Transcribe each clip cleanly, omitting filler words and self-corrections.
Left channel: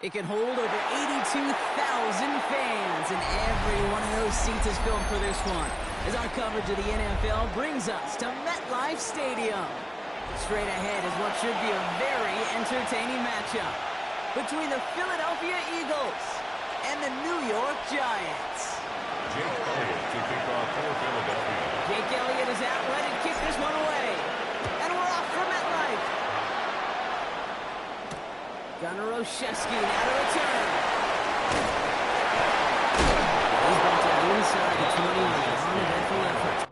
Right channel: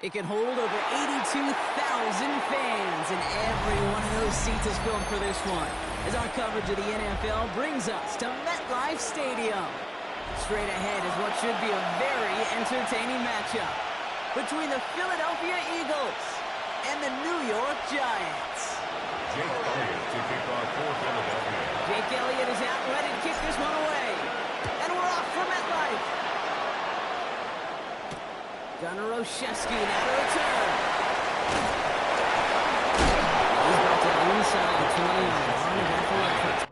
It can hold over 82,000 fans, and every one of those seats is filled for this one, as our coverage of the NFL brings us to MetLife Stadium. Straight ahead is what should be a very entertaining matchup between the Philadelphia Eagles and the New York Giants. Jake Elliott to kick off for Philadelphia. Jake Elliott is out ready to kick this one away, and we're off for MetLife. Gunnar Olszewski now to return. He's brought down inside the 20 on a uneventful effort.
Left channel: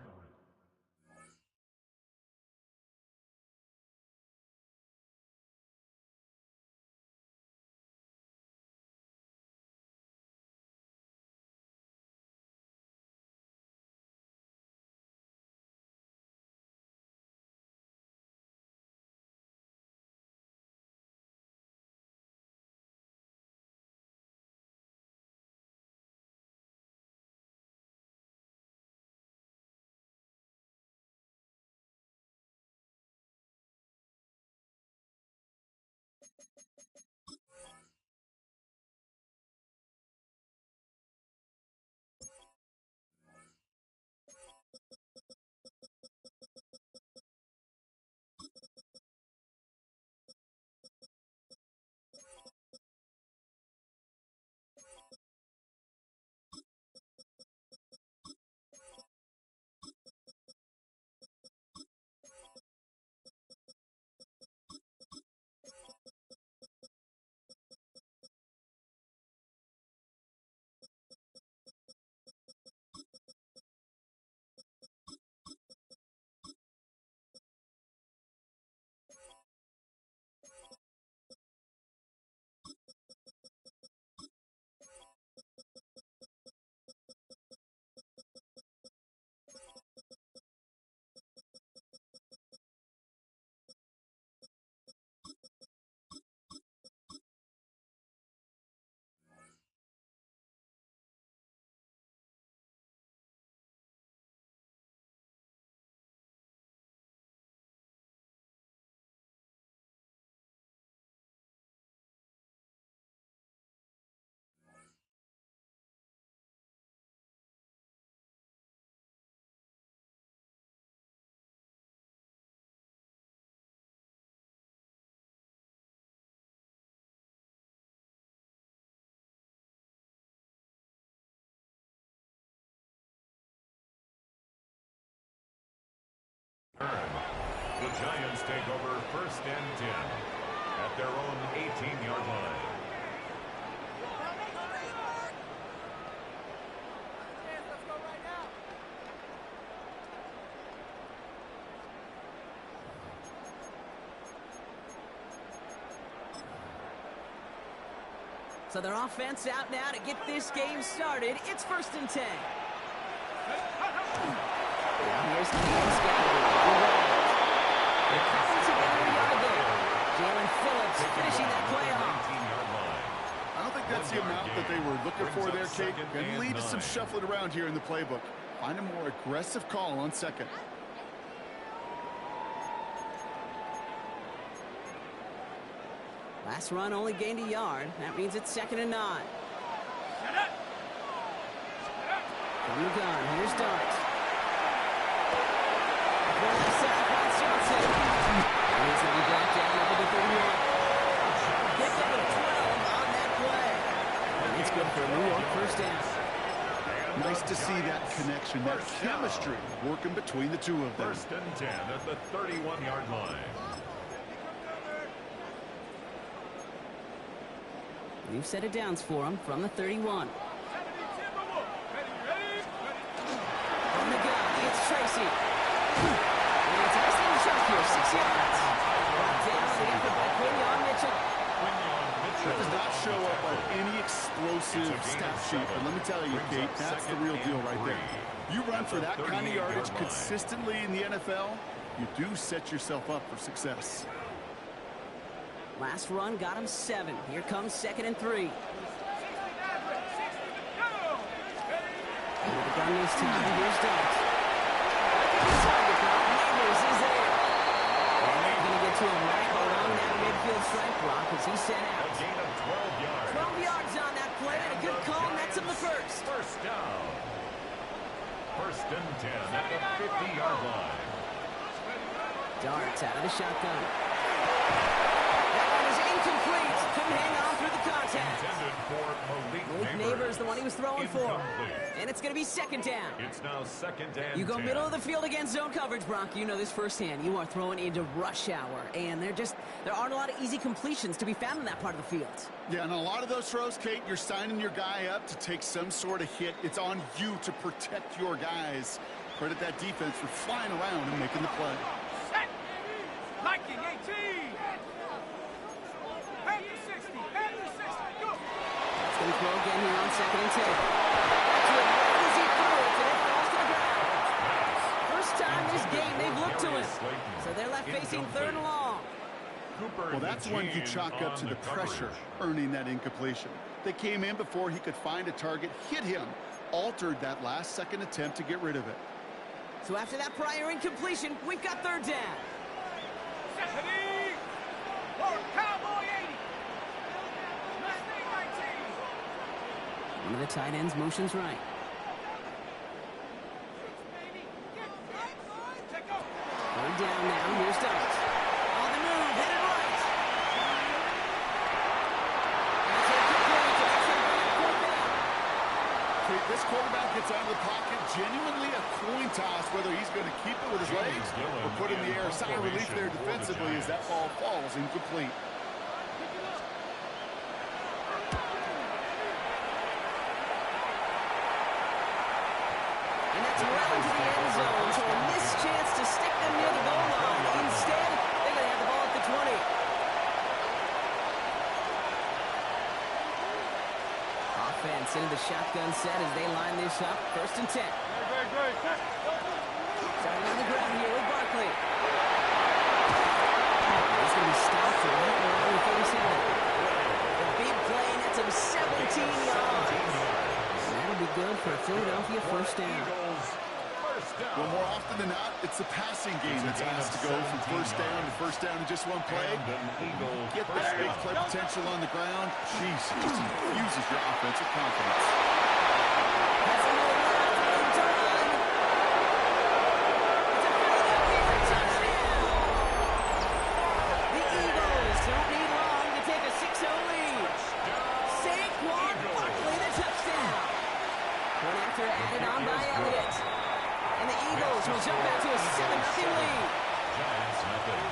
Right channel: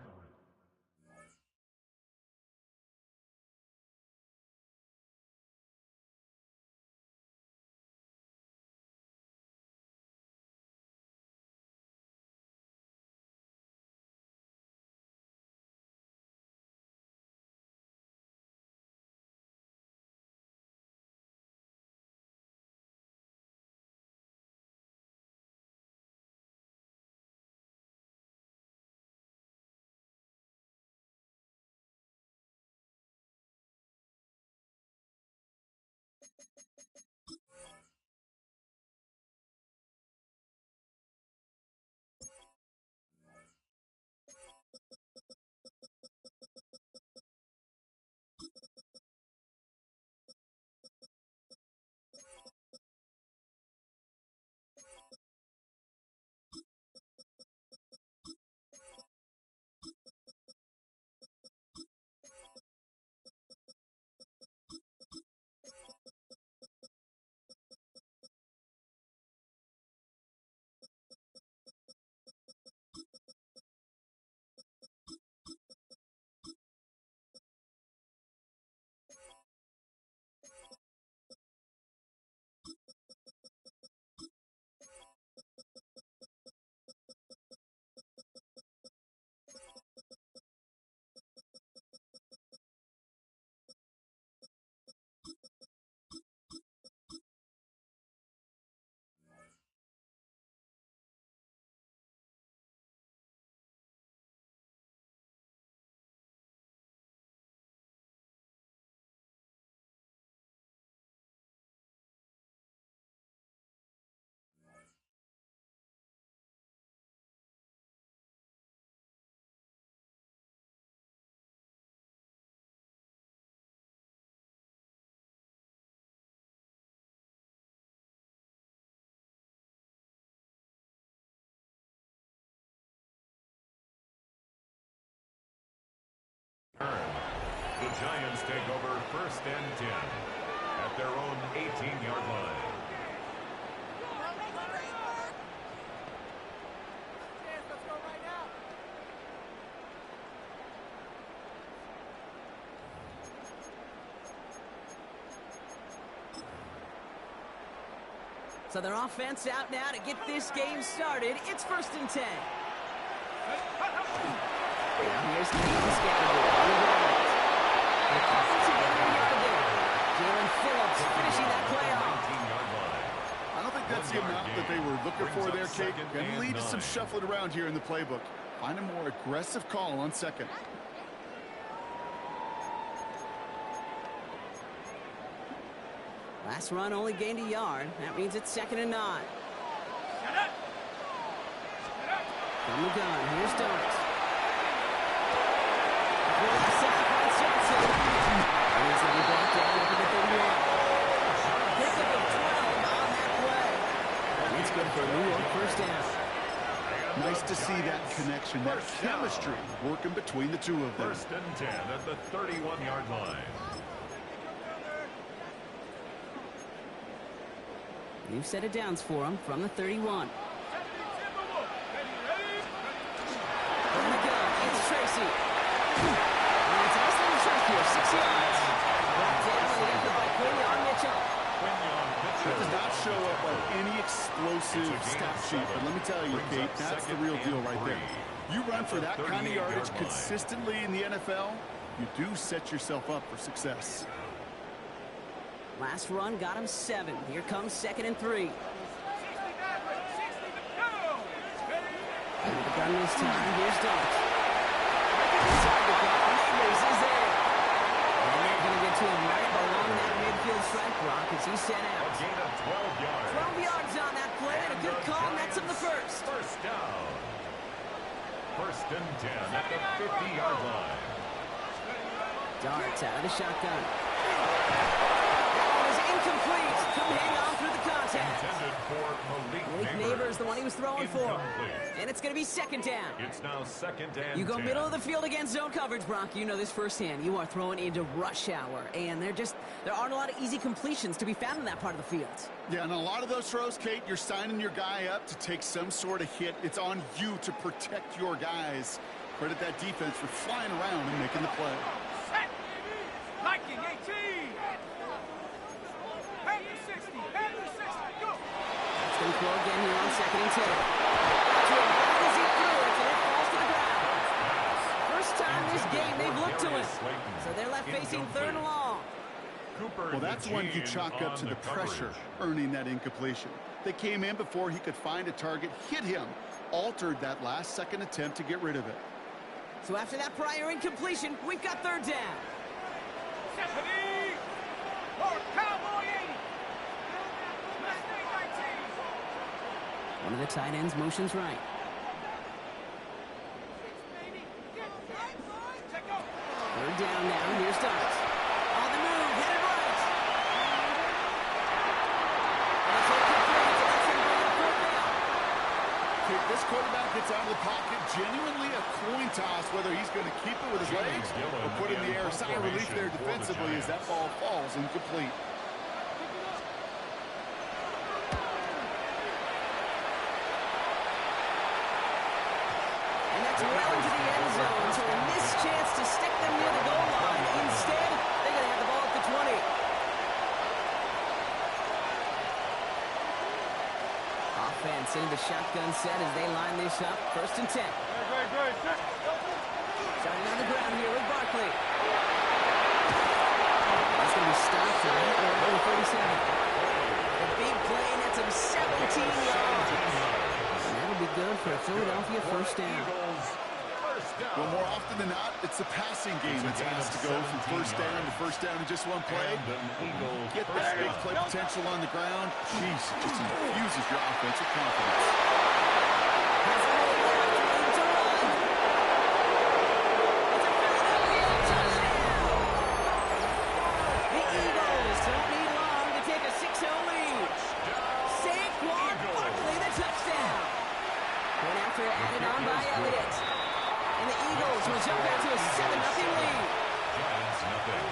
The Giants take over 1st and 10 at their own 18-yard line. Let's go right now. So their offense out now to get this game started. It's 1st and 10. Now here's Caden Scattergood on the ground. They're cobbled together a yard there. Jalen Phillips finishing that play off. 19-yard line. I don't think that's the amount that they were looking for there, Kate. Going to lead to some shuffling around here in the playbook. Find a more aggressive call on 2nd. Last run only gained a yard. That means it's 2nd and 9. From the gun, here's Dart. For the sack, Lance Johnson. And he's going to be brought down over the 31. Pickup of 12 on that play. And it's good for a New York 1st down. Nice to see that connection, that chemistry working between the two of them. 1st and 10 at the 31-yard line. New set of downs for him from the 31. From the gun, it's Tracy. And it's a nice little chunk here, 6 yards. Brought down on the effort by Quinyon Mitchell. Quinyon Mitchell That does not show up on any explosive stat sheet, but let me tell you, Kate, that's the real deal right there. You run for that kind of yardage consistently in the NFL, you do set yourself up for success. Last run got him 7. Here comes 2nd and 3. Into the gun this time. Here's Dart. Like a good target block. Neighbors is there. And they're going to get to him right along that midfield stripe block as he's sent out. A gain of 12 yards. 12 yards on that play, and a good call nets him the first. First down. 1st and 10 at the 50-yard line. Darts out of the shotgun. That one is incomplete. Couldn't hang on through the contact. Intended for Malik Neighbors, the one he was throwing for. And it's going to be 2nd down. It's now 2nd and 10. You go middle of the field against zone coverage, Brock. You know this firsthand. You are throwing into rush hour, and there aren't a lot of easy completions to be found in that part of the field. Yeah, and a lot of those throws, Kate, you're signing your guy up to take some sort of hit. It's on you to protect your guys. Credit that defense for flying around and making the play. Set. Liking 18. Head to 60. Head to 60. Go. It's going to throw again here on 2nd and 10. Got to him right as he threw it, and it falls to the ground. First time this game they've looked to him. So they're left facing 3rd and long. Well, that's when you chalk up to the pressure, earning that incompletion. They came in before he could find a target, hit him, altered that last-second attempt to get rid of it. So after that prior incompletion, we've got 3rd down. Stephanie. Lord Cowboy 80. Mustang 19. One of the tight ends motions right. 3rd down now. Here's Darts. On the move, headed right. And it's incomplete, and that's going to bring up 4th down. Okay, this quarterback gets out of the pocket, genuinely a coin toss, whether he's going to keep it with his legs or put it in the air. Sigh of relief there defensively as that ball falls incomplete. And that's well into the end zone, so a missed chance to stick them near the goal line. Instead, they're going to have the ball at the 20. Offense into the shotgun set as they line this up. 1st and 10. Starting on the ground here with Barkley. He's going to be stopped right around the 37. The big play nets him 17 yards. That'll be good for a Philadelphia 1st down. Well, more often than not, it's the passing game that's asked to go from 1st down to 1st down in just one play. Get that big play potential on the ground. Jeez, it just infuses your offensive confidence. Has a hole left, room to run. It's a Philadelphia touchdown. The Eagles don't need long to take a 6-0 lead. Saquon Barkley, the touchdown. Point after added on by Elliott. And the Eagles will jump out to a 7-0 lead. Giants nothing.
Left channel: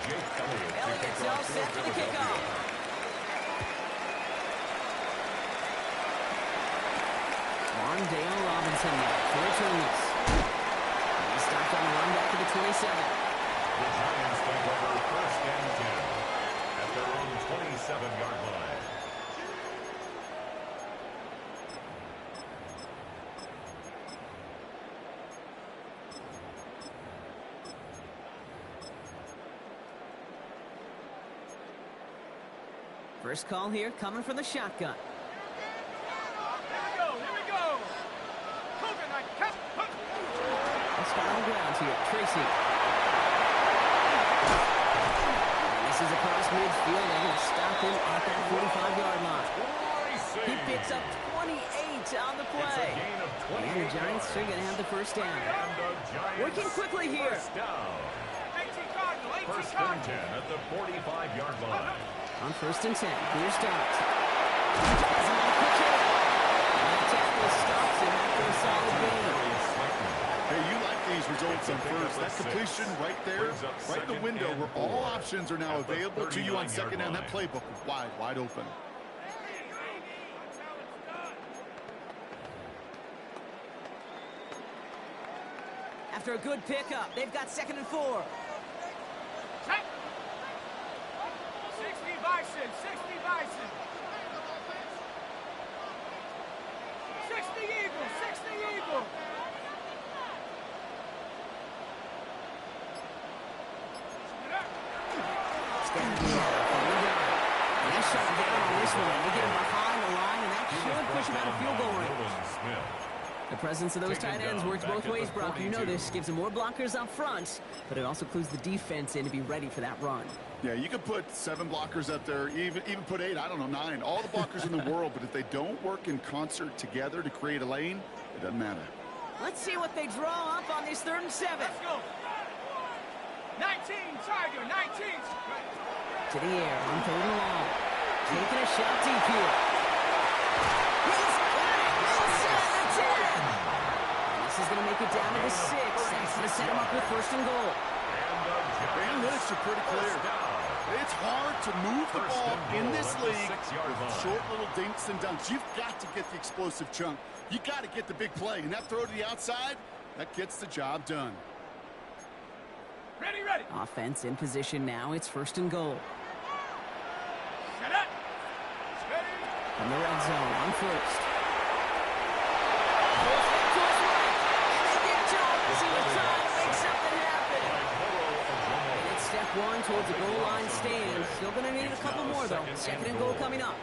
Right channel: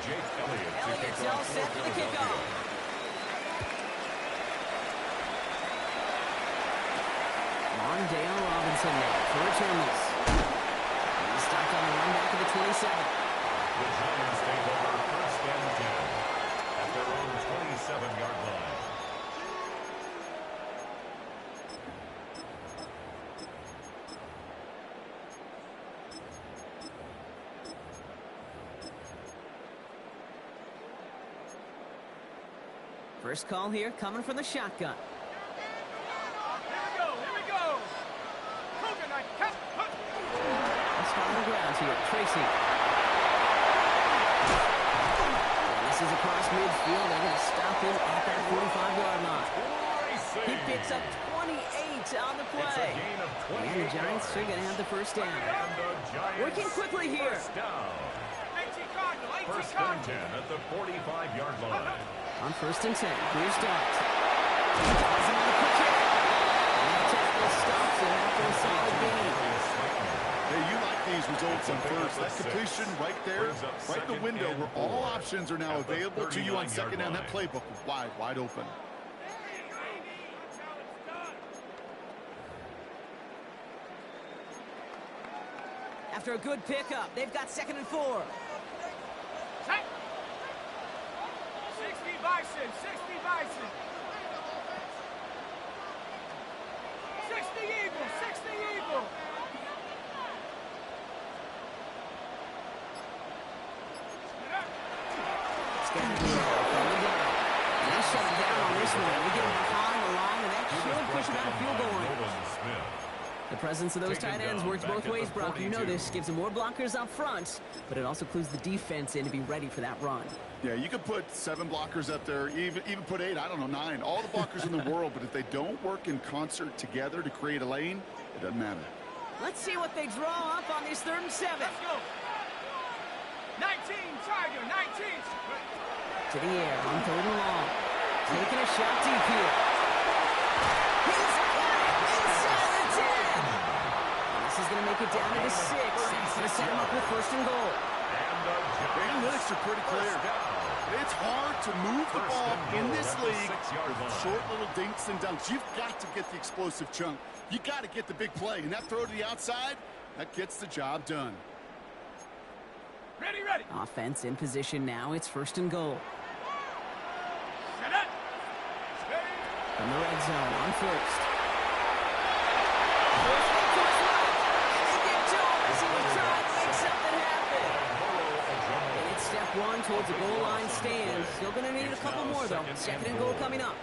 Jake Elliott's all set for the kickoff. Wandale Robinson now to return this. He's stopped on the run back to the 27. The Giants take over 1st and 10 at their own 27-yard line. First call here coming from the shotgun. Here we go. Coconut cut. Let's start on the ground here. Tracy. And this is across midfield. They're going to stop him at that 45-yard line. He picks up 28 on the play. And the Giants are going to have the 1st down. Working quickly here. 1st and 10 at the 45-yard line. On 1st and 10, here's Dart. He ties him on the quick hit. And that tackle stops him after a solid gain. Hey, you like these results on 1st. That completion right there, right in the window where all options are now available to you on 2nd down. That playbook wide open. After a good pickup, they've got 2nd and 4. Set. 60 Bison, 60 Bison. 60 Eagle, 60 Eagle. Scandinavian from the gun. And they shut him down on this one. They get him behind the line, and that should push him out of field goal range. The presence of those tight ends works both ways, Brock. You know this. Gives them more blockers up front, but it also clues the defense in to be ready for that run. Yeah, you could put 7 blockers up there, even put 8, I don't know, 9. All the blockers in the world, but if they don't work in concert together to create a lane, it doesn't matter. Let's see what they draw up on this 3rd and 7. Let's go. 19, Tiger, 19. To the air on 3rd and long. Taking a shot deep here. He's got it inside the 10. And this is going to make it down to the 6. That's going to set him up with 1st and goal. The analytics are pretty clear. It's hard to move the ball in this league with short little dinks and dunks. You've got to get the explosive chunk. You got to get the big play. And that throw to the outside, that gets the job done. Ready, ready. Offense in position now. It's 1st and goal. Set up. Steady. From the red zone on 1st. Force back to his right. And they get to him as he was trying to make something happen. And it's step 1 towards the goal line stand. Still going to need a couple more, though. 2nd and goal coming up.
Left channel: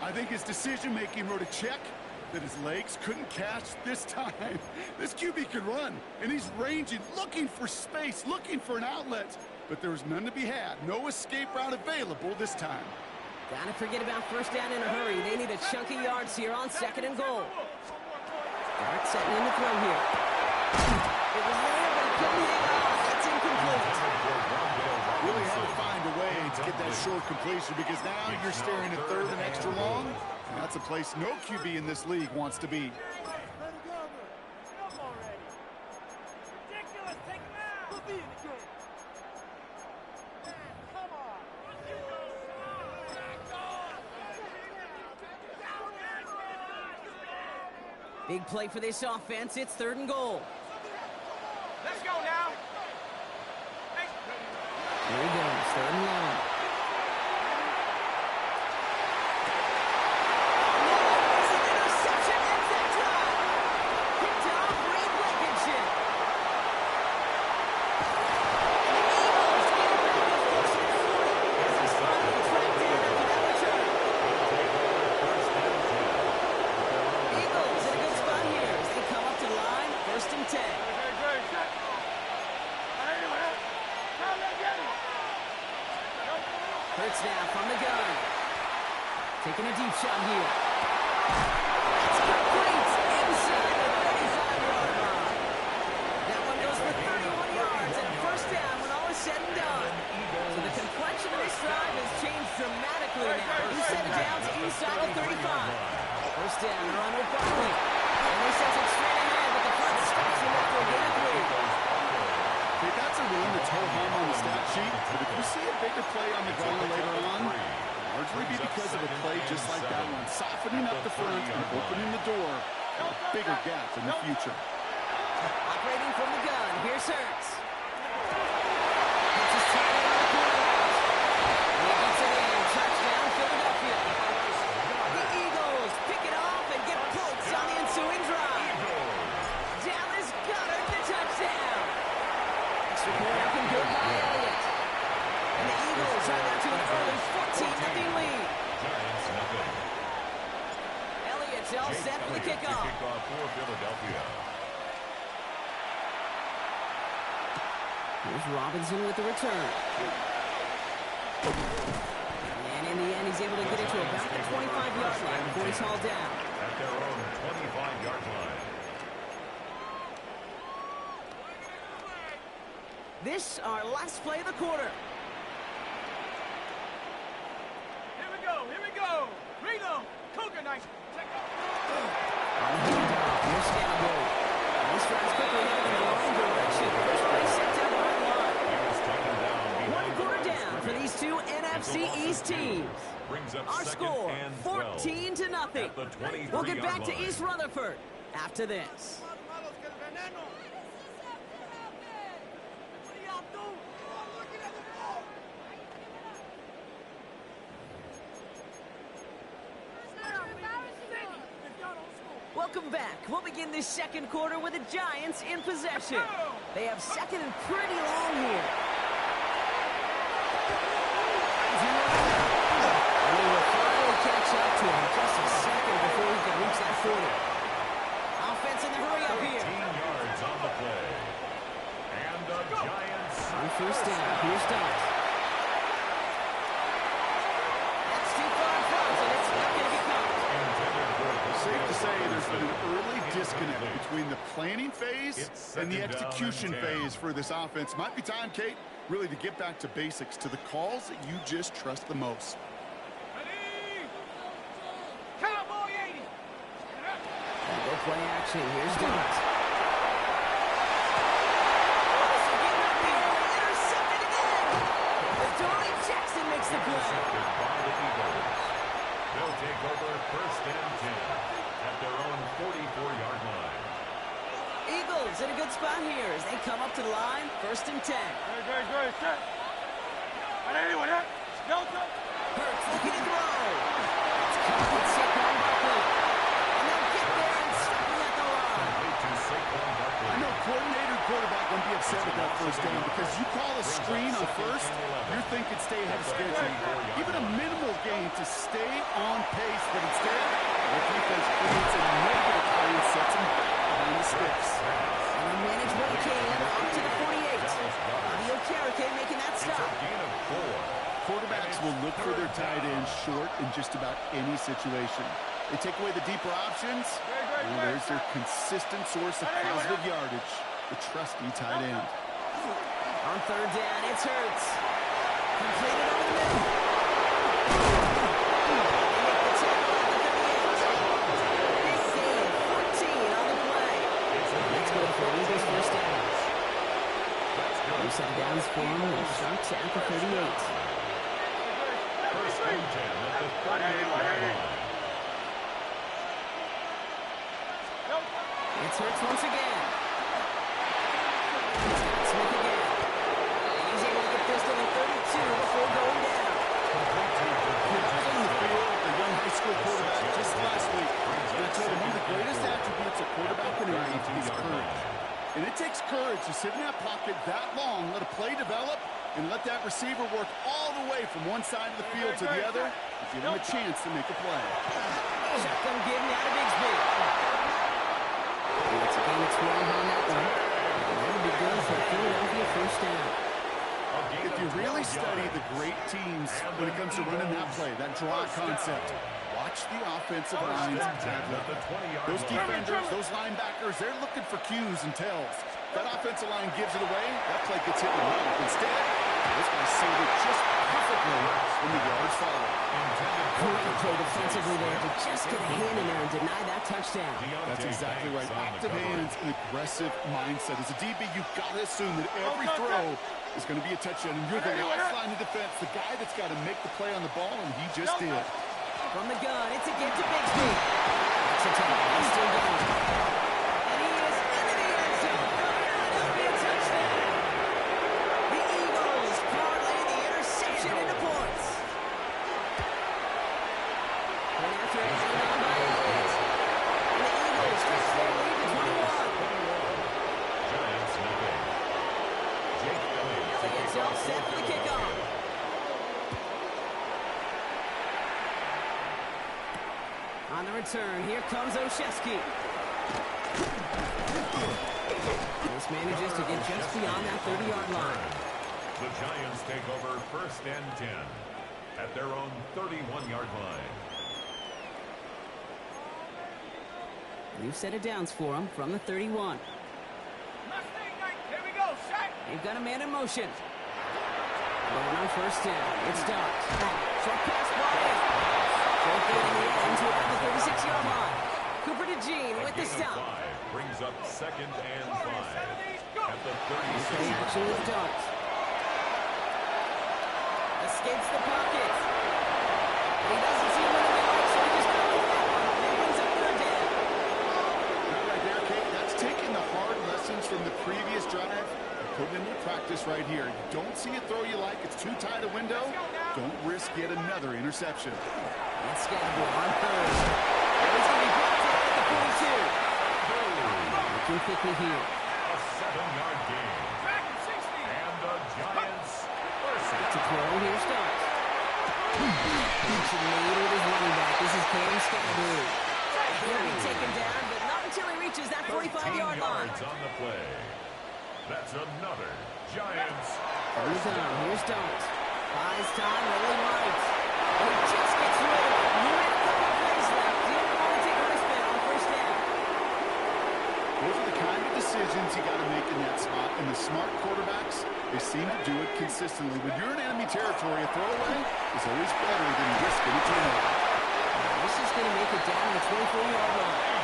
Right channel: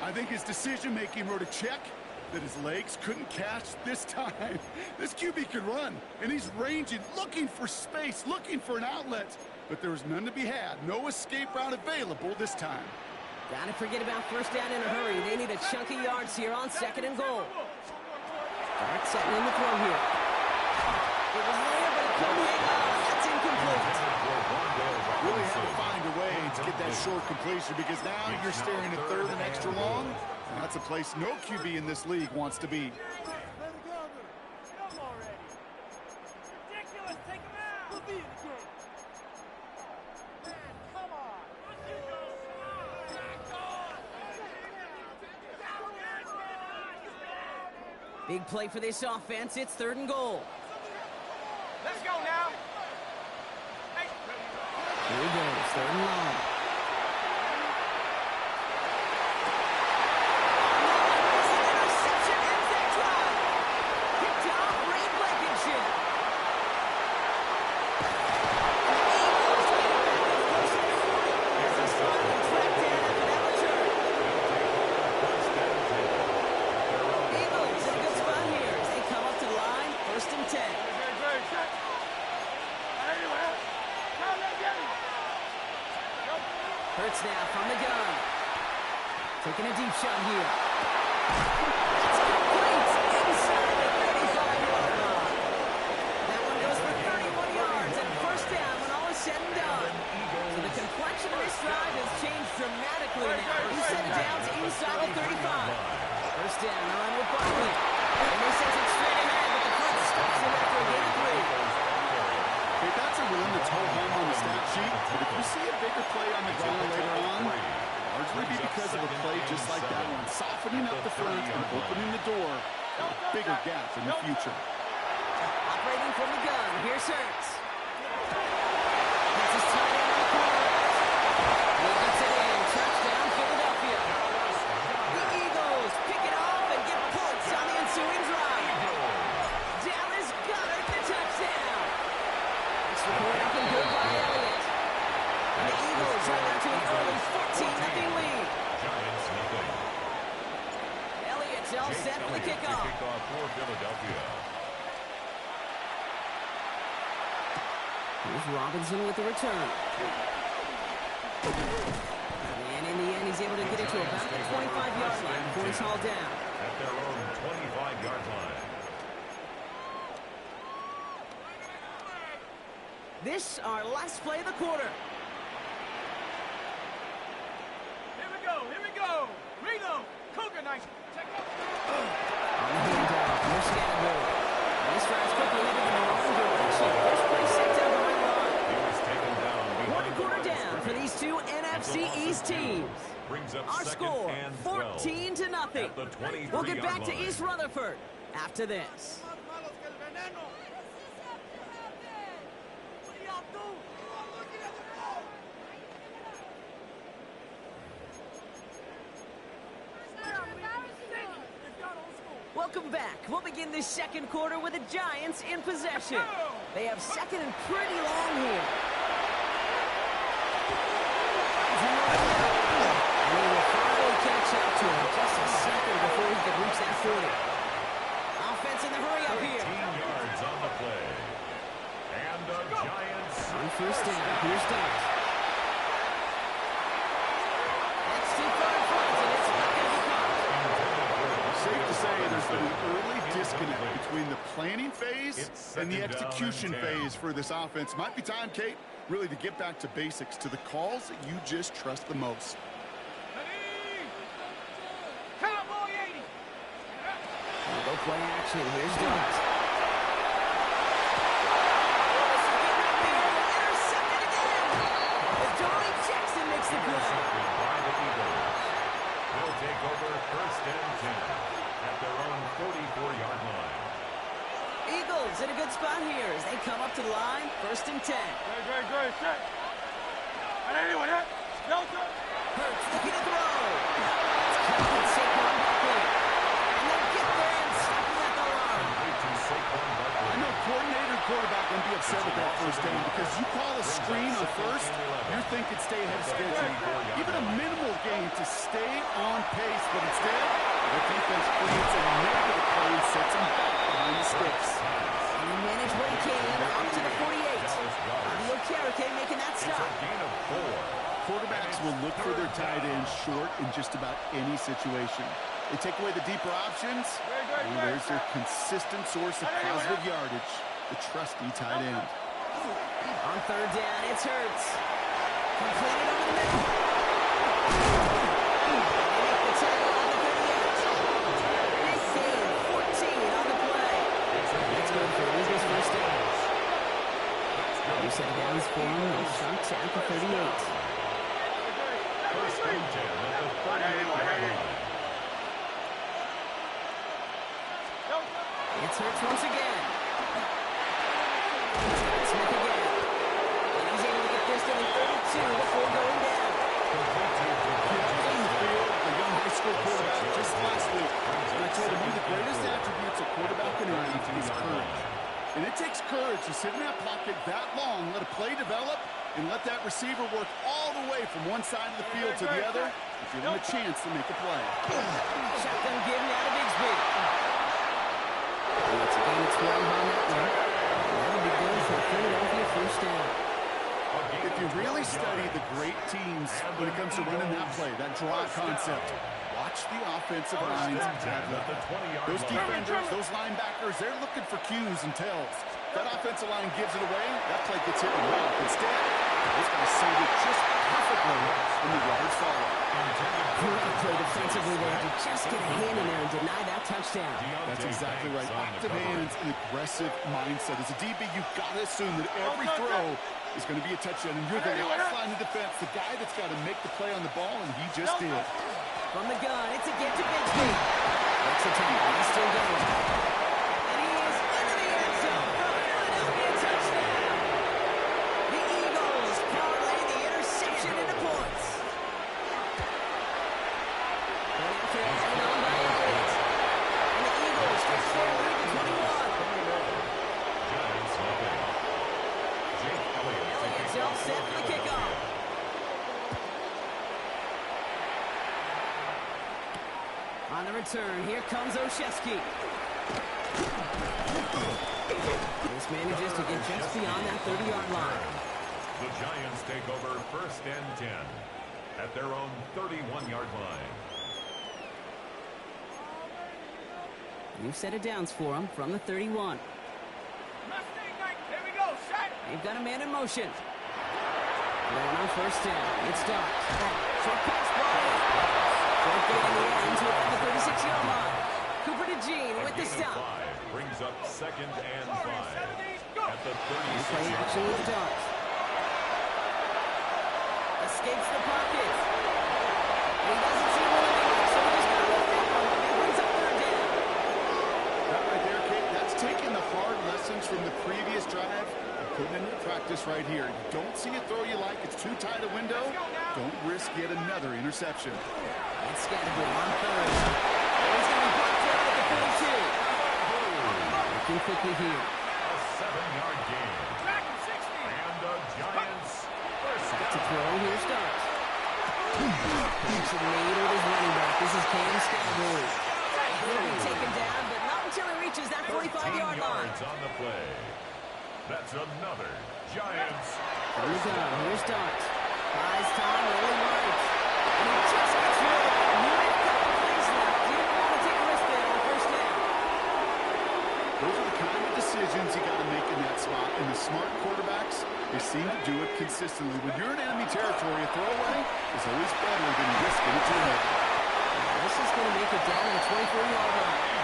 I think his decision-making wrote a check that his legs couldn't catch this time. This QB can run, and he's ranging, looking for space, looking for an outlet. But there was none to be had. No escape route available this time. Gotta forget about 1st down in a hurry. They need a chunky yards here on 2nd and goal. Dart setting in the throw here. It was there, but he couldn't hang on. That's incomplete. Really had to find a way to get that short completion because now you're staring at 3rd and extra long. And that's a place no QB in this league wants to be. Let it go. Get up already. Ridiculous. Take him out. We'll be in the game. Man, come on. Big play for this offense. It's 3rd and goal. Let's go now. Hey. Here he goes. 3rd and long. Hurts now from the gun. Taking a deep shot here. That's complete inside the 35-yard line. That one goes for 31 yards and a 1st down when all is said and done. So the complexion of this drive has changed dramatically now. Inside of downs inside of 35. 1st down, a run with Barkley. And they send it straight ahead, but the front stops him after a gain of 3. Hey, that's a run that's ho-hum on the stat sheet, but if you see a bigger play on the ground later on, largely be because of a play just like that one, softening up the front and opening the door for a bigger gap in the future. Operating from the gun, here's Hurts. Gets his tight end on the corner route. And he gets it in, touchdown Philadelphia. The Eagles pick it off and get points on the ensuing drive. Dallas Goddard the touchdown. Extra point up and good by Elliott. And the Eagles right now to an early 14-0 lead. Giants nothing. Elliott's all set for the kickoff. For Philadelphia. Here's Robinson with the return. And in the end, he's able to get it to about the 25-yard line before he's hauled down. At their own 25-yard line. This, our last play of the quarter. Here we go. Here we go. Reload. Cougar knife. Check out. On the handoff, here's Scandinavian. And this drive's quickly headed in the wrong direction. First play set down behind the line. He was taken down behind 1 quarter down for these two NFC East teams. Brings up Our score, 14-0. We'll get back to East Rutherford after this. Malos que el veneno. y'all doing? I'm looking at the ball. Welcome back. We'll begin this second quarter with the Giants in possession. They have second and pretty long here. And he will finally catch up to him just a second before he can reach that 40. Offense in the hurry up here. 13 yards on the play. And the Giants on first down. Here's Dart. That's too far in front, and it's not going to be caught. Safe to say there's been an early disconnect between the planning phase and the execution phase for this offense. Might be time, Kate, really to get back to basics, to the calls that you just trust the most. Cowboy 80. We'll go play action. Here's Dart. Intercepted again. Adoree Jackson makes the play. Intercepted by the Eagles. They'll take over first and 10 at their own 44-yard line. Eagles in a good spot here as they come up to the line. First and 10. Good. Set. Anyone hit? Delta. Hurts looking to throw. It's caught with Saquon Barkley. And they'll get there and stop him at the line. I know coordinator quarterback won't be upset with that first down because you call a screen on first, you're thinking stay ahead of schedule. Even a minimal gain to stay on pace, but instead, the defense creates a negative play and sets him back behind the sticks. And he managed what he can up to the 48. Adio Karake making that stop. Gain of 4. Quarterbacks will look for their tight end short in just about any situation. They take away the deeper options, and there's their consistent source of positive yardage, the trusty tight end. On third down, it's Hurts. Completed over the middle. They make the tackle at the 38. Big gain, 14 on the play. That's good for Eagles first downs. You set it downs for him, and Sharks at the 38. First and 10 at the 38-yard line. It's Hurts once again. He's got Smith again. And he's able to get this to the 32 before going down. In the field, the young high school quarterback just last week. And I told him one of the greatest attributes a quarterback can have is courage. And it takes courage to sit in that pocket that long, let a play develop, and let that receiver work all the way from one side of the field to the other and give him a chance to make a play. Shotgun given out of Bigsby. It's a gain of 12 on that one. And that'll be good for a Philadelphia first down. If you really study the great teams when it comes to running that play, that draw concept, watch the offensive lines develop. Those defenders, those linebackers, they're looking for cues and tells. That offensive line gives it away, that play gets hit in the mouth. Instead, those guys save it just perfectly when the yards follow. Great play defensively there to just get a hand in there and deny that touchdown. That's exactly right. Active hands and aggressive mindset. As a DB, you've got to assume that every throw is going to be a touchdown. And you're the last line of defense, the guy that's got to make the play on the ball, and he just did. From the gun, it's a get to Bigsby. Next attack, he's still going. And he is into the end zone for a Philadelphia touchdown. The Eagles parlay the interception into points. Point after added on by Elliott. And the Eagles stretch their lead to 21. Giants nothing. Jake Elliott's all set for the kickoff. On the return, here comes Olszewski. This manages to get just beyond that 30-yard line. The Giants take over first and 10 at their own 31-yard line. We've set it downs for him from the 31. Here we go, set. They've got a man in motion. Going on first down. It's Dart. Short pass, Bryant. Short gain in the end to about the 36-yard line. Cooper to Jean with the stop. Brings up second and 5 at the 36. Play action with Dart. Escapes the pocket. He doesn't see what he likes, so he just got rid of that one. And brings up third down. That right there, Kate. That's taking the hard lessons from the previous drive and putting into practice right here. You don't see a throw you like. It's too tight a window. Don't risk yet another interception. It's Scatterbo on third. And it's going to be brought down at the 42. Looking quickly here. A 7-yard gain. And the Giants first Back to down. throw. Here starts. Connection made with his running back. This is Cam Scatterbo. He'll be taken down, but not until he reaches that 45-yard line. yards on the play. That's another Giants. First down. Here starts. Buys time, rolling right. And he just gets rid of it. Knew it, a couple plays left. Didn't want to take a risk there on first down. Those are the kind of decisions you got to make in that spot. And the smart quarterbacks, they seem to do it consistently. When you're in enemy territory, a throwaway is always better than risking a turnover. This is going to make it down to the 24-yard line.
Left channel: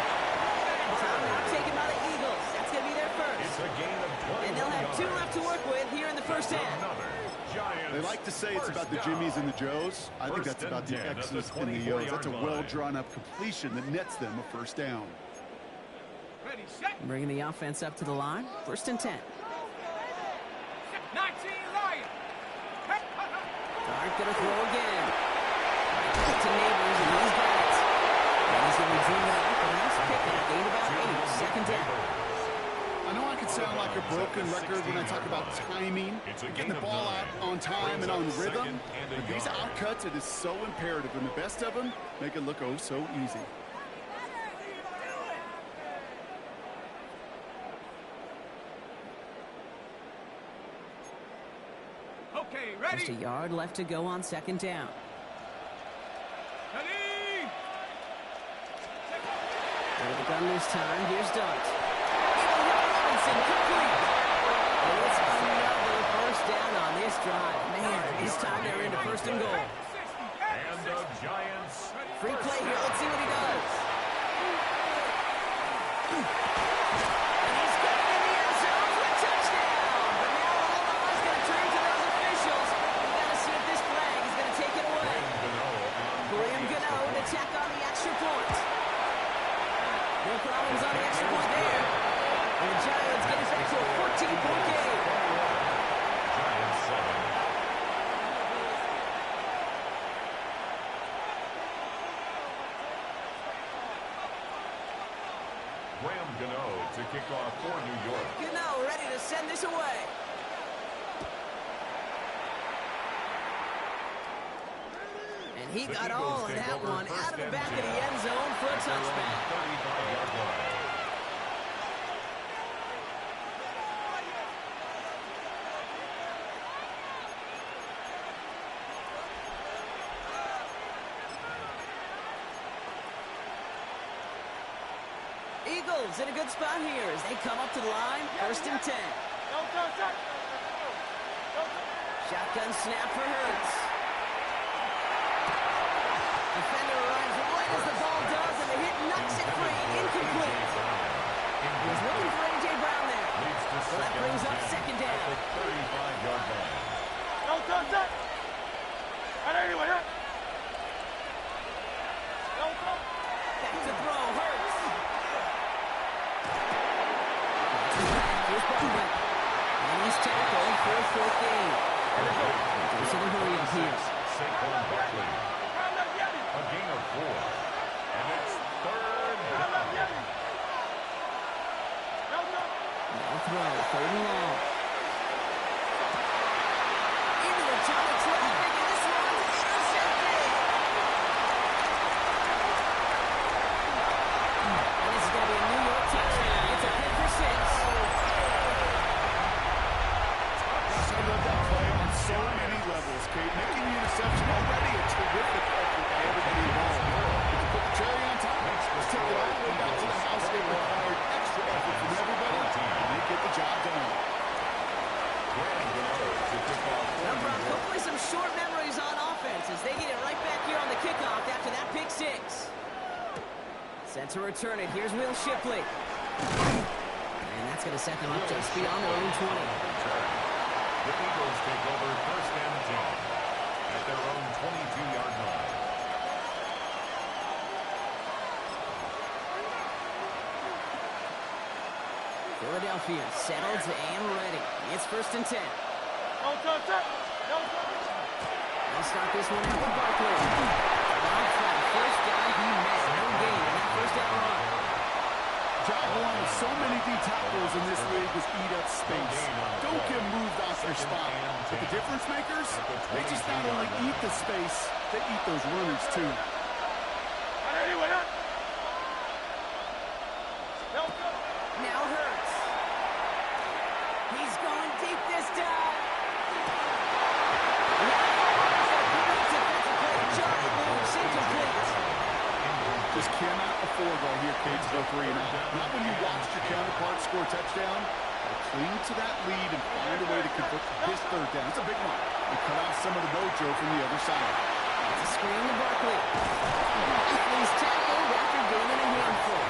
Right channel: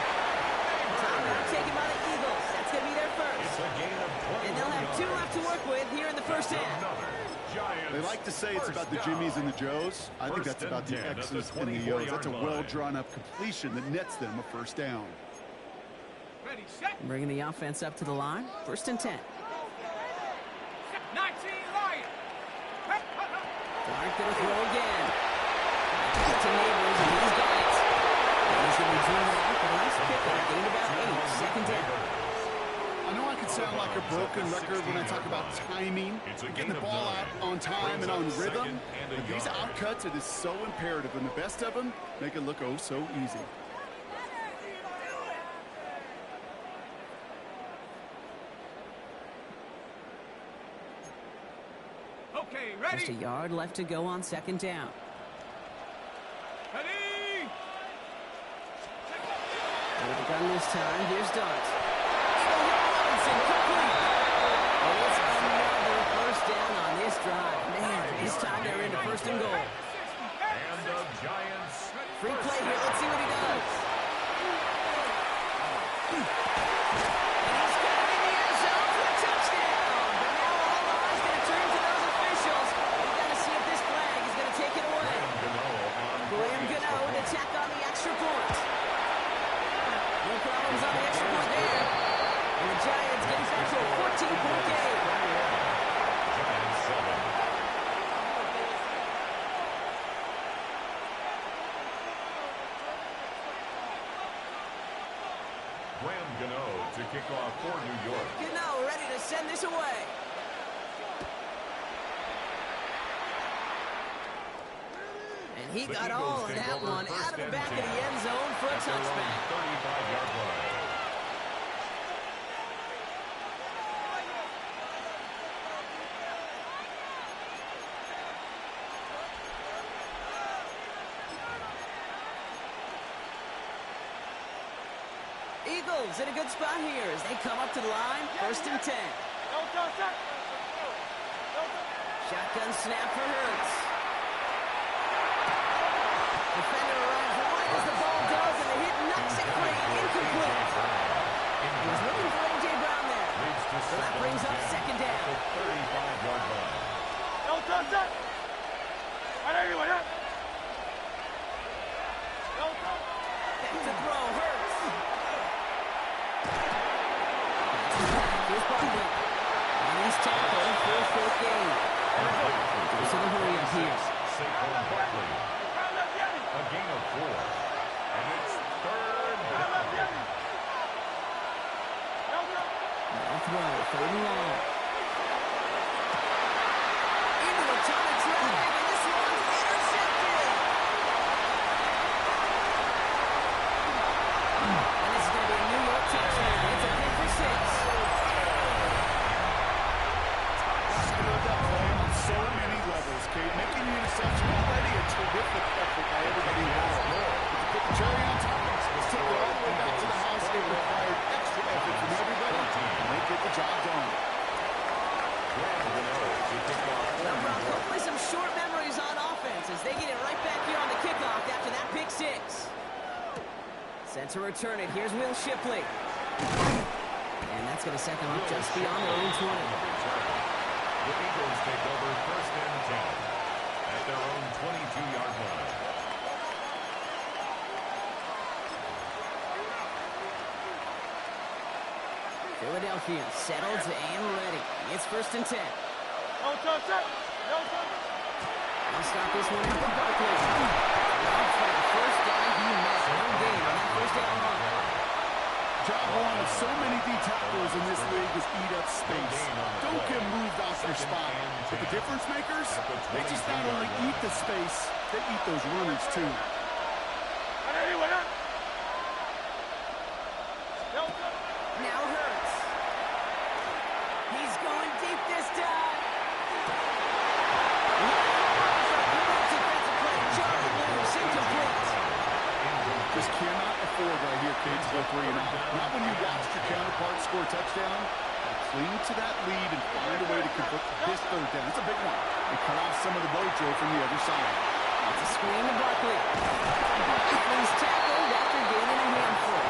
Time now taken by the Eagles. That's going to be their first. It's a gain of 21 And they'll have 2 left to work with here in the first half. Another Giants. They like to say it's about the Jimmies and the Joes. I think that's about the X's and the O's. That's a well-drawn-up completion that nets them a first down. Bringing the offense up to the line. First and 10. 19 Lion. Dart going to throw again. Right back to Neighbors, and he's got it. And he's going to be driven out, but a nice pickup. Gained about 8. Second down. I know I can sound like a broken record when I talk about timing, getting the ball out on time and on rhythm, but these outcuts, it is so imperative, and the best of them make it look oh so easy. Okay, ready? Just a yard left to go on second down. Ready? Out of the gun this time. Here's Dart. It'll hit Robinson, complete. And it's another first down on this drive. Man, this time they're into first and goal. And the Giants. Free play here. Let's see what he does. And he's got it in the end zone for a touchdown. But now all eyes going to turn to those officials. We've got to see if this flag is going to take it away. Graham Gano to tack on the extra point. No problems on the extra point there. And the Giants get it back to a 14-point game. Giants 7. Graham Gano to kick off for New York. Gano ready to send this away. And he got all of that one out of the back of the end zone for a touchback. 35-yard line. Eagles in a good spot here as they come up to the line. First and 10. Shotgun snap for Hurts. Defender arrives right as the ball does, and the hit knocks it free. Incomplete. He was looking for A.J. Brown there. So that brings up second down. 35-yard line. Back to throw. Hurts. Here's Bartlett. And he's tackled for a fourth gain. Goes to the hurry up here. Saquon Barkley. A gain of 4. And it's third down. Now throw. Third and long. Into a ton of traffic, and this one's intercepted. And this is going to be a New York touchdown. It's a hit for 6. I love that play on so many levels, Kate. Making the interception already a terrific effort by everybody involved. But to put the cherry on top, let's take it all the way back to the house. It required extra effort from everybody, and they get the job done. Well, Brock, hopefully some short memories on offense as they get it right back here on the kickoff after that pick 6. Set to return it. Here's Will Shipley. And that's going to set them up just beyond their own 20. The Eagles take over first and 10 at their own 22-yard line. Philadelphia settled and ready. It's 1st and 10. No touch, no touch. They'll start this one out with Barkley. Robbed by the first guy he met. No gain on that first down run. Job one of so many D tackles in this league is eat up space. Don't get moved off your spot. But the difference makers, they just not only eat the space, they eat those runners too. Now Hurts. He's going deep this time. Defensive play. Charlie moves incomplete. Just cannot afford right here, Kate, to go 3 and out. Not when you watched your counterpart score a touchdown. Cling to that lead and find a way to convert this 3rd down. It's a big one. And cut off some of the mojo from the other side. It's a screen to Barkley. And he's tackled after gaining a handful.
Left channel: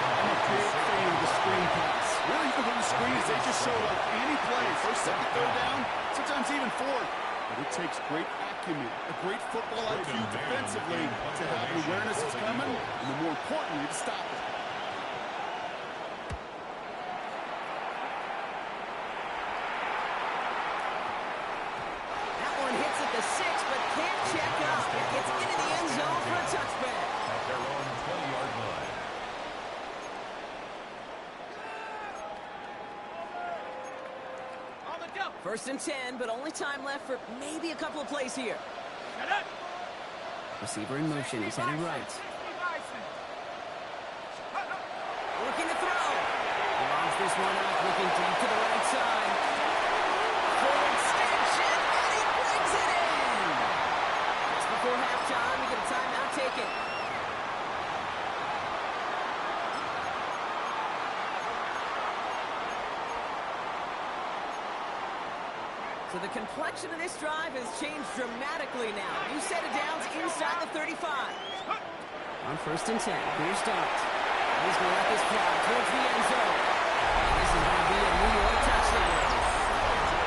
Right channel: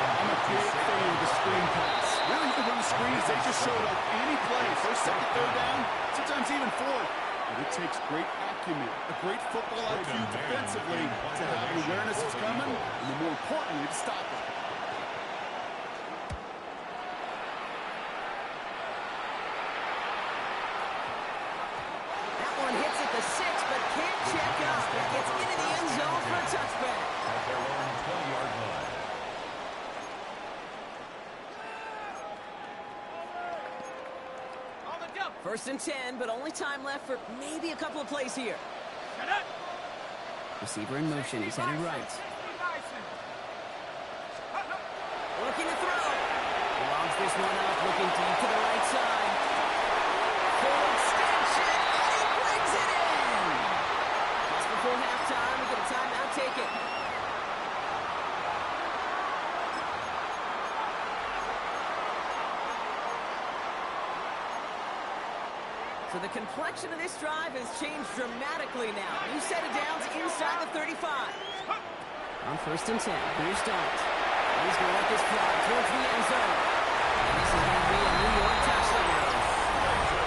I'm a big fan of the screen pass. Really, when the screens, they just showed up any play. 1st, 2nd, 3rd down, sometimes even 4th. But it takes great acumen, a great football IQ defensively to have an awareness it's coming, and more importantly, to stop it. That one hits at the 6, but can't check up. It gets into the end zone for a touchback. At their own 20-yard line. 1st and 10, but only time left for maybe a couple of plays here. Receiver in motion. He's headed right. Looking to throw. He lobs this one up, looking deep to the right side. Full extension, and he brings it in. Just before halftime, we get a timeout taken. So the complexion of this drive has changed dramatically now. New set of downs inside the 35. On 1st and 10, here's Dart. He's going to let this fly towards the end zone. And this is going to be a New York touchdown.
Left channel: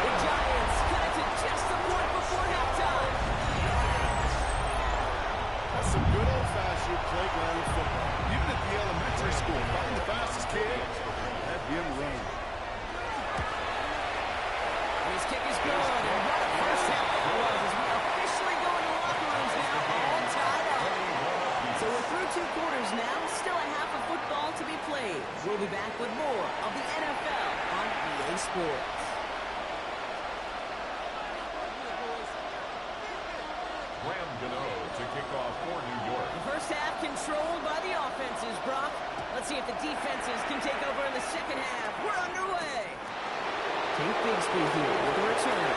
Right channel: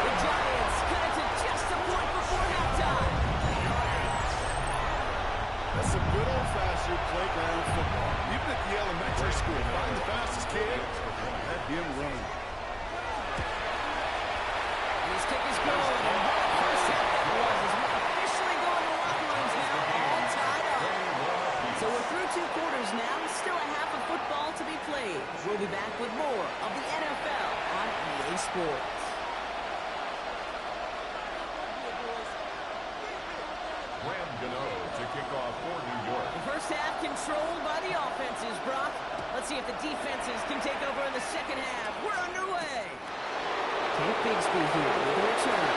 The Giants cut it to just a point before halftime. That's some good old-fashioned playground football. Even at the elementary school, find the fastest kid, let him run. His kick is good, and what a first half that was as we officially go into locker rooms now, all tied up. So we're through 2 quarters now, still a half of football to be played. We'll be back with more of the NFL on EA Sports. Graham Gano to kick off for New York. The first half controlled by the offenses, Brock. Let's see if the defenses can take over in the second half. We're underway. Tank Bigsby here with a return.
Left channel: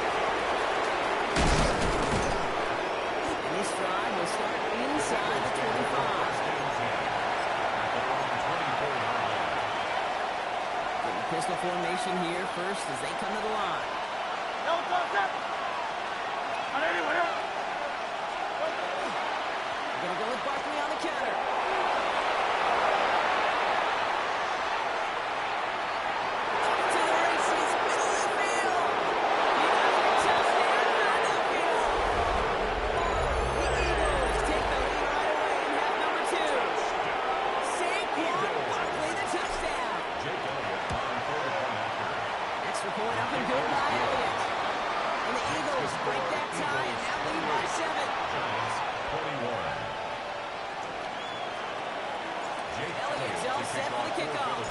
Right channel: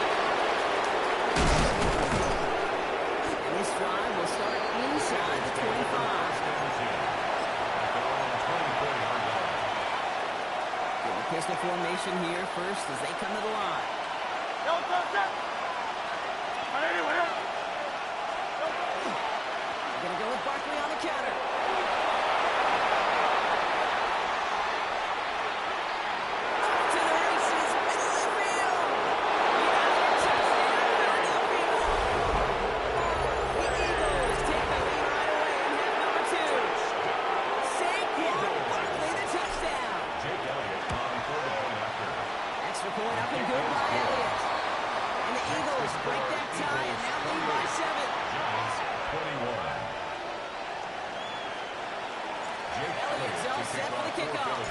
And this drive will start inside the 25. At their own 24-yard line. Getting a pistol formation here first as they come to the line. No touch, anywhere. They're going to go with Barkley on the counter. Point up and good by Elliott. And the Eagles break that tie and now lead by 7. Giants 21. Jake Elliott's all set for the kickoff.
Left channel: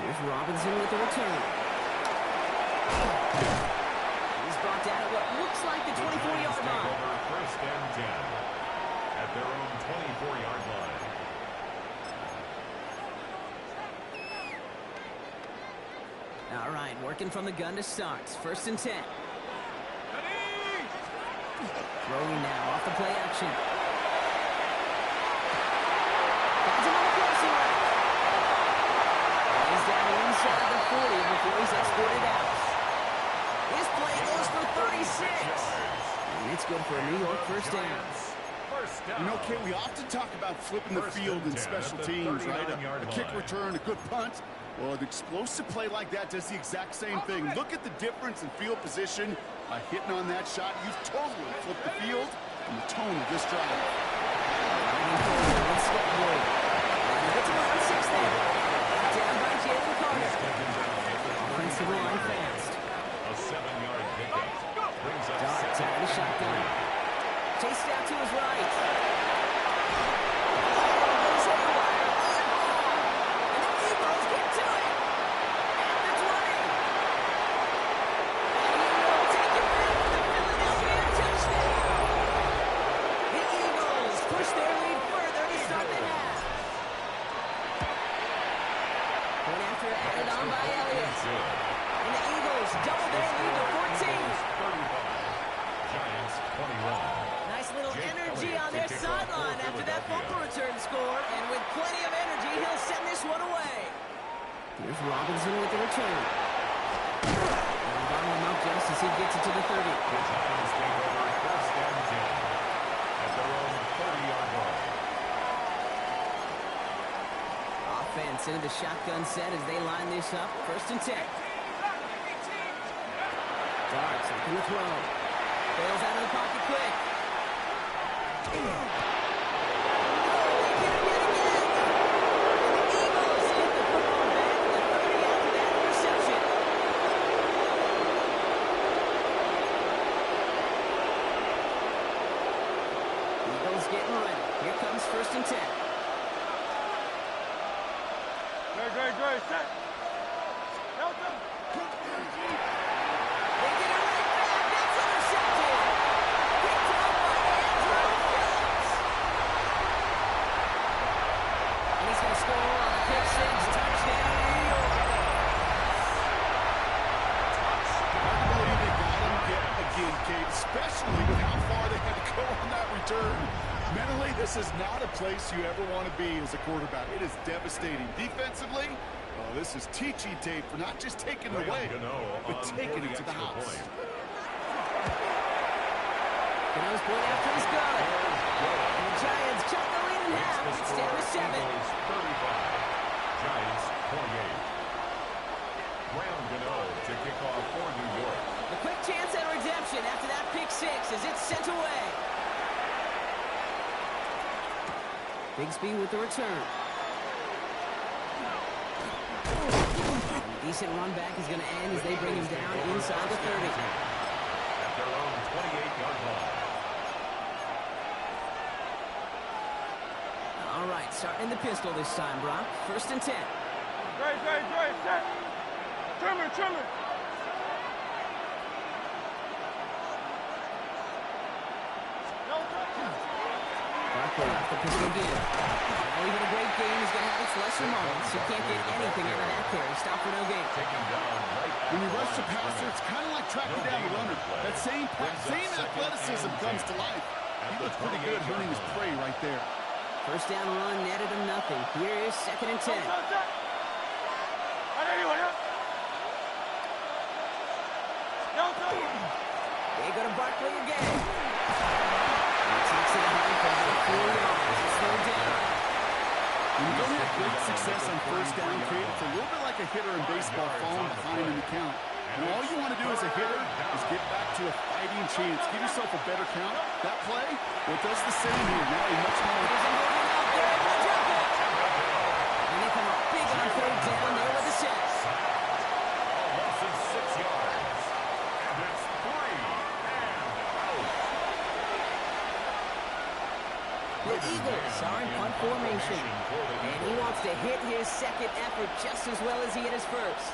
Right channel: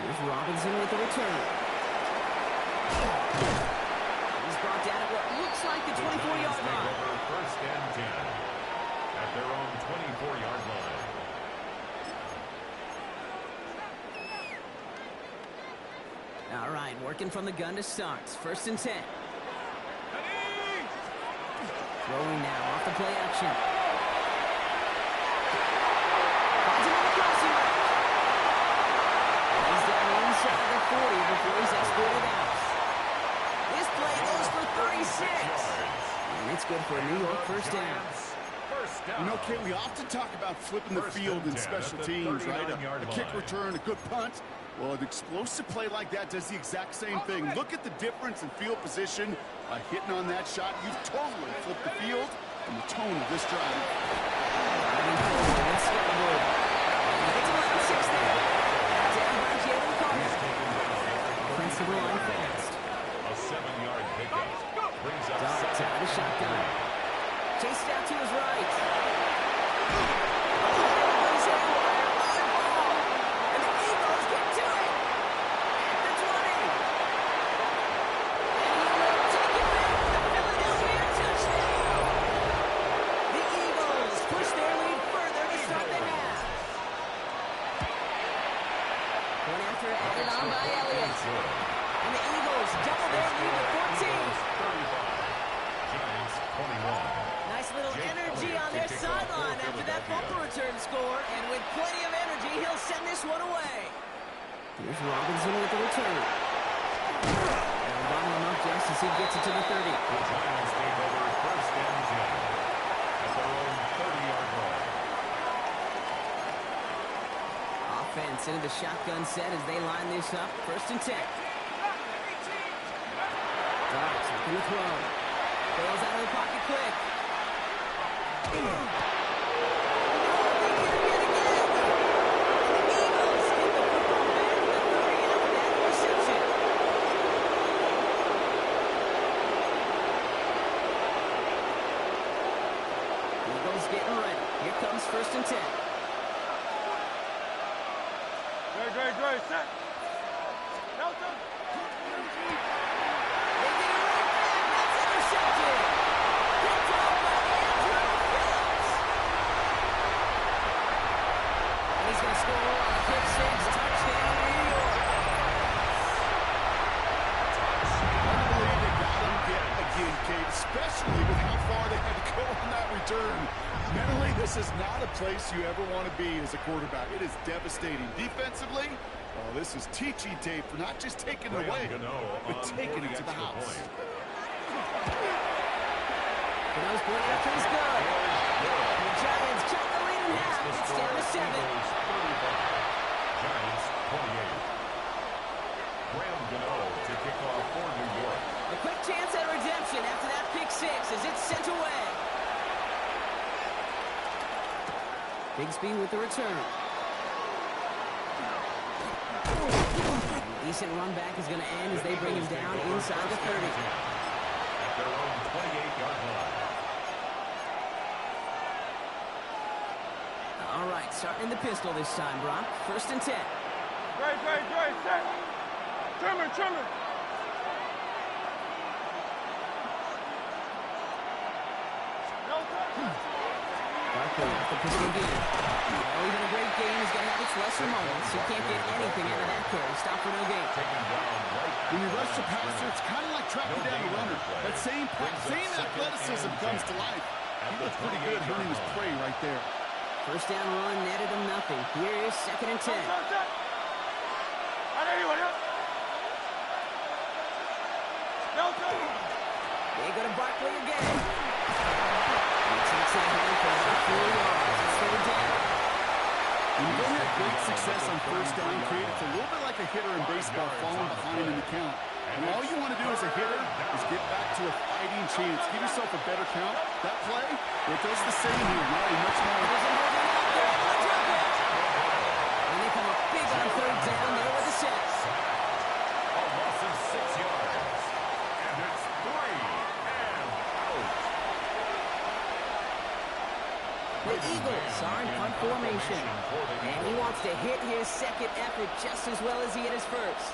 Here's Robinson with the return. He's brought down at what looks like the 24-yard line. Over 1st and 10 at their own 24-yard line. All right, working from the gun to start. 1st and 10. Throwing now off the play action. Finds him on the crossing route. He's down inside the 40 before he's exported out. This play goes for 36. And it's good for a New York first down. You know, Kate, we often talk about flipping the field in special teams, right? A kick return, a good punt. Well, an explosive play like that does the exact same thing. Look at the difference in field position. By hitting on that shot, you've totally flipped the field and the tone of this drive. Driving forward with schedule. And he gets around 6 there. Down by Jalen Carter. Offensive line fast. A 7-yard pickup. Brings up Darts out of the shotgun. Chased out to his right. Goes haywire. On ball. And the Eagles get to it. At the 20. And he will take it back for the Philadelphia touchdown. The Eagles push their lead further to start the half. Point after added on by Elliott. And the Eagles double their lead to 14. 35. Giants 21. Nice little energy on their sideline after that fumble return score. And with plenty of energy, he'll send this one away. Here's Robinson with the return. And bottle him up just as he gets it to the 30. The Giants take over first and 10 at their own 30-yard line. Offense into the shotgun set as they line this up. First and 10. Darts looking to throw. Bails out of the pocket quick. Oh, they get him yet again. And the Eagles get the football back at the 30 after that interception. Eagles getting ready. Here comes first and 10. Great. Set. Delta. They get it right back. That's intercepted. Picked off by Andrew Phillips. And he's going to score on the pick six. Touchdown, New York. Hard to believe they got him again, Kate, especially with how far they had to go on that return. Mentally, this is not a place you ever want to be as a quarterback. It is devastating. Defensively, well, this is teaching tape for not just taking it away, but taking it to the house. Gano's point after is good. And the Giants cut the lead in half. It's down to 7. 35. Giants 28. Graham Gano to kick off for New York. A quick chance at redemption after that pick six as it's sent away. Bigsby with the return. Decent run back is going to end as they bring him down inside the 30. At their own 28-yard line. All right, starting in the pistol this time, Brock. First and 10. Great. Set. Trimmer. Delta. Barkley off the pistol again. Well, even a great game is going to have its lesser moments. You can't get anything out of that carry. Stop for no gain. When you rush the passer, it's kind of like tracking down a runner. That same athleticism comes to life. He looks pretty good hunting his prey right there. First down run netted him nothing. Here is second and 10. They go to Barkley again. He takes it ahead for about 4 yards. It's third down. When you don't have great success on first down, Kate, it's a little bit like a hitter in baseball falling behind in the count. And all you want to do as a hitter is get back to a fighting chance. Give yourself a better count. That play, well, it does the same here. Now he much more. It isn't moving out. They're able to drop it. And they come up big on third down there with the sack. A loss of 6 yards. And it's 3 and out. The Eagles are in punt formation. And he wants to hit his second effort just as well as he hit his first.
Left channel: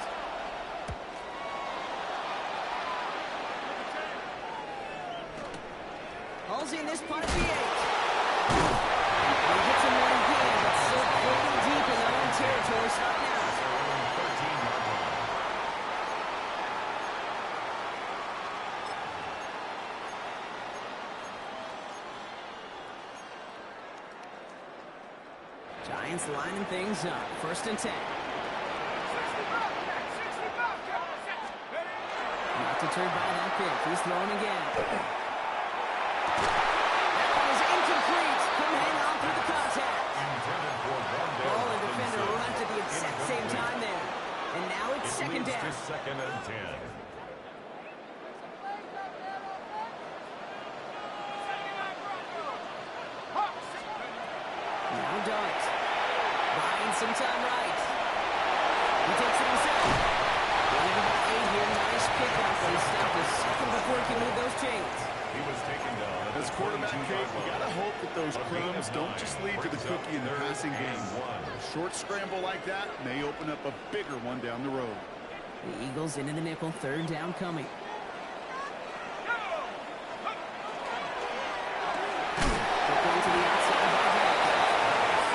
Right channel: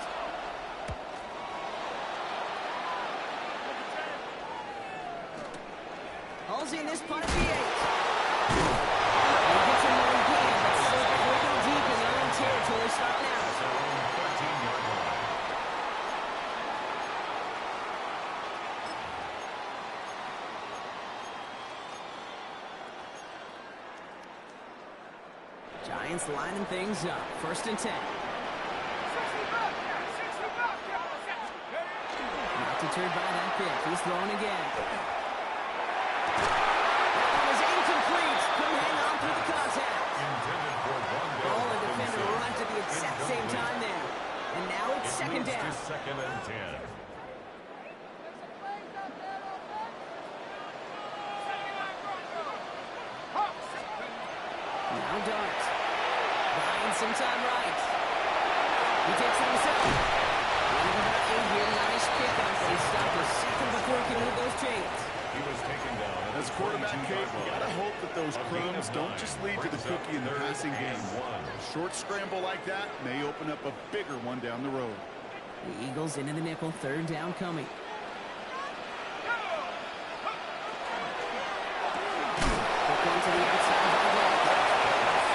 Hauls in this punt at the 8. He gets him there again, but still pretty deep in their own territory starting out. That's their own 13-yard line. Giants lining things up. First and 10. 60 Bobcat. Not deterred by that pick. He's throwing again. That one is incomplete. Couldn't hang on through the contact. Intended for Rondell Ball and defender Robinson. arrived at the exact same time there. And now it's It second moves down. to second and 10. Now Dart. Buying some time right. He takes it himself. Gain of about 8 here. Nice pickup, but he stopped a second before he could move those chains. He was taken down. As quarterback, Kate, you got to hope that those crumbs don't just lead to the cookie in the passing game. A short scramble like that may open up a bigger one down the road. The Eagles into the nickel. 3rd down coming. Quick one to the outside by Dart.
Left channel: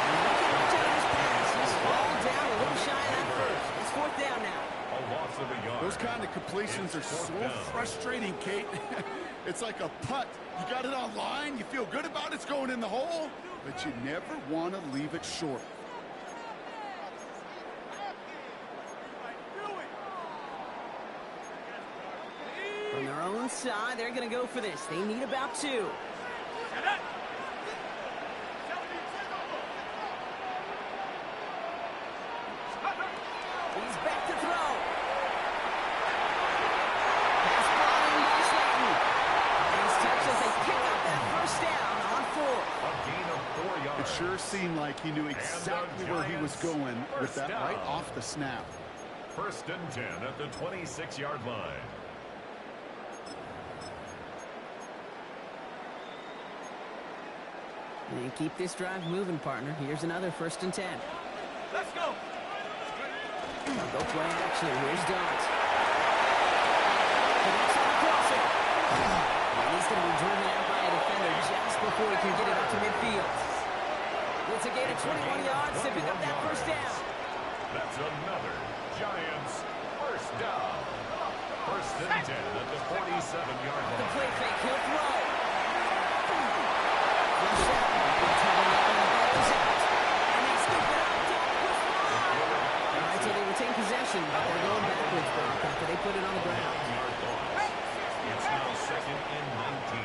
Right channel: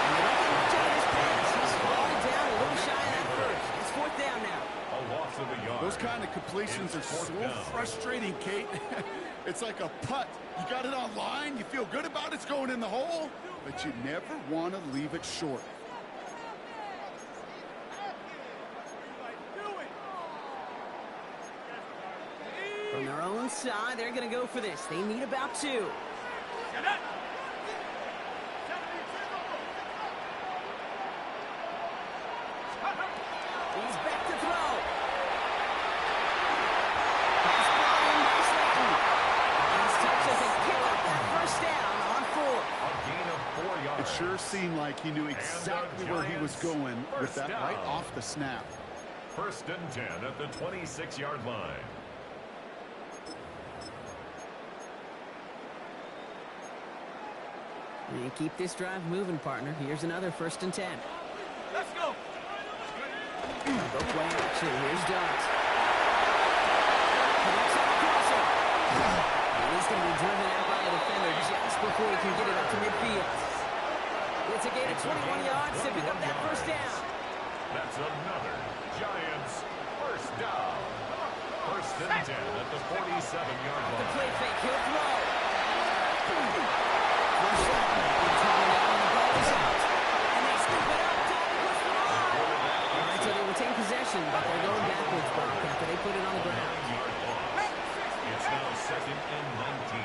And they don't get much out of this pass. He's falling down a little shy of that first. It's 4th down now. A loss of a yard. Those kind of completions are so frustrating, Kate. It's like a putt. You got it on line. You feel good about it's going in the hole, but you never want to leave it short. From their own side, they're going to go for this. They need about 2. He's back to throw. Pass brought in by Slayton. And he's touched as they pick up that 1st down on 4. A gain of 4 yards. It sure seemed like he knew exactly where he was going with that right off the snap. 1st and 10 at the 26-yard line. And keep this drive moving, partner. Here's another 1st and 10. Let's go. Go play action. Here's Dart. Connects on the crosser. And he's going to be driven out by a defender just before he can get it up to midfield. It's a gain of 21 yards to pick up that 1st down. That's another Giants 1st down. 1st and 10 at the 47-yard line. The play fake. He'll throw. Rush out. Coming down, and the ball is out. And they scoop it up. Time to push them on. All right, so they retain possession, but they're going backwards, Brock, after they put it on the ground. 9-yard loss. It's now 2nd and 19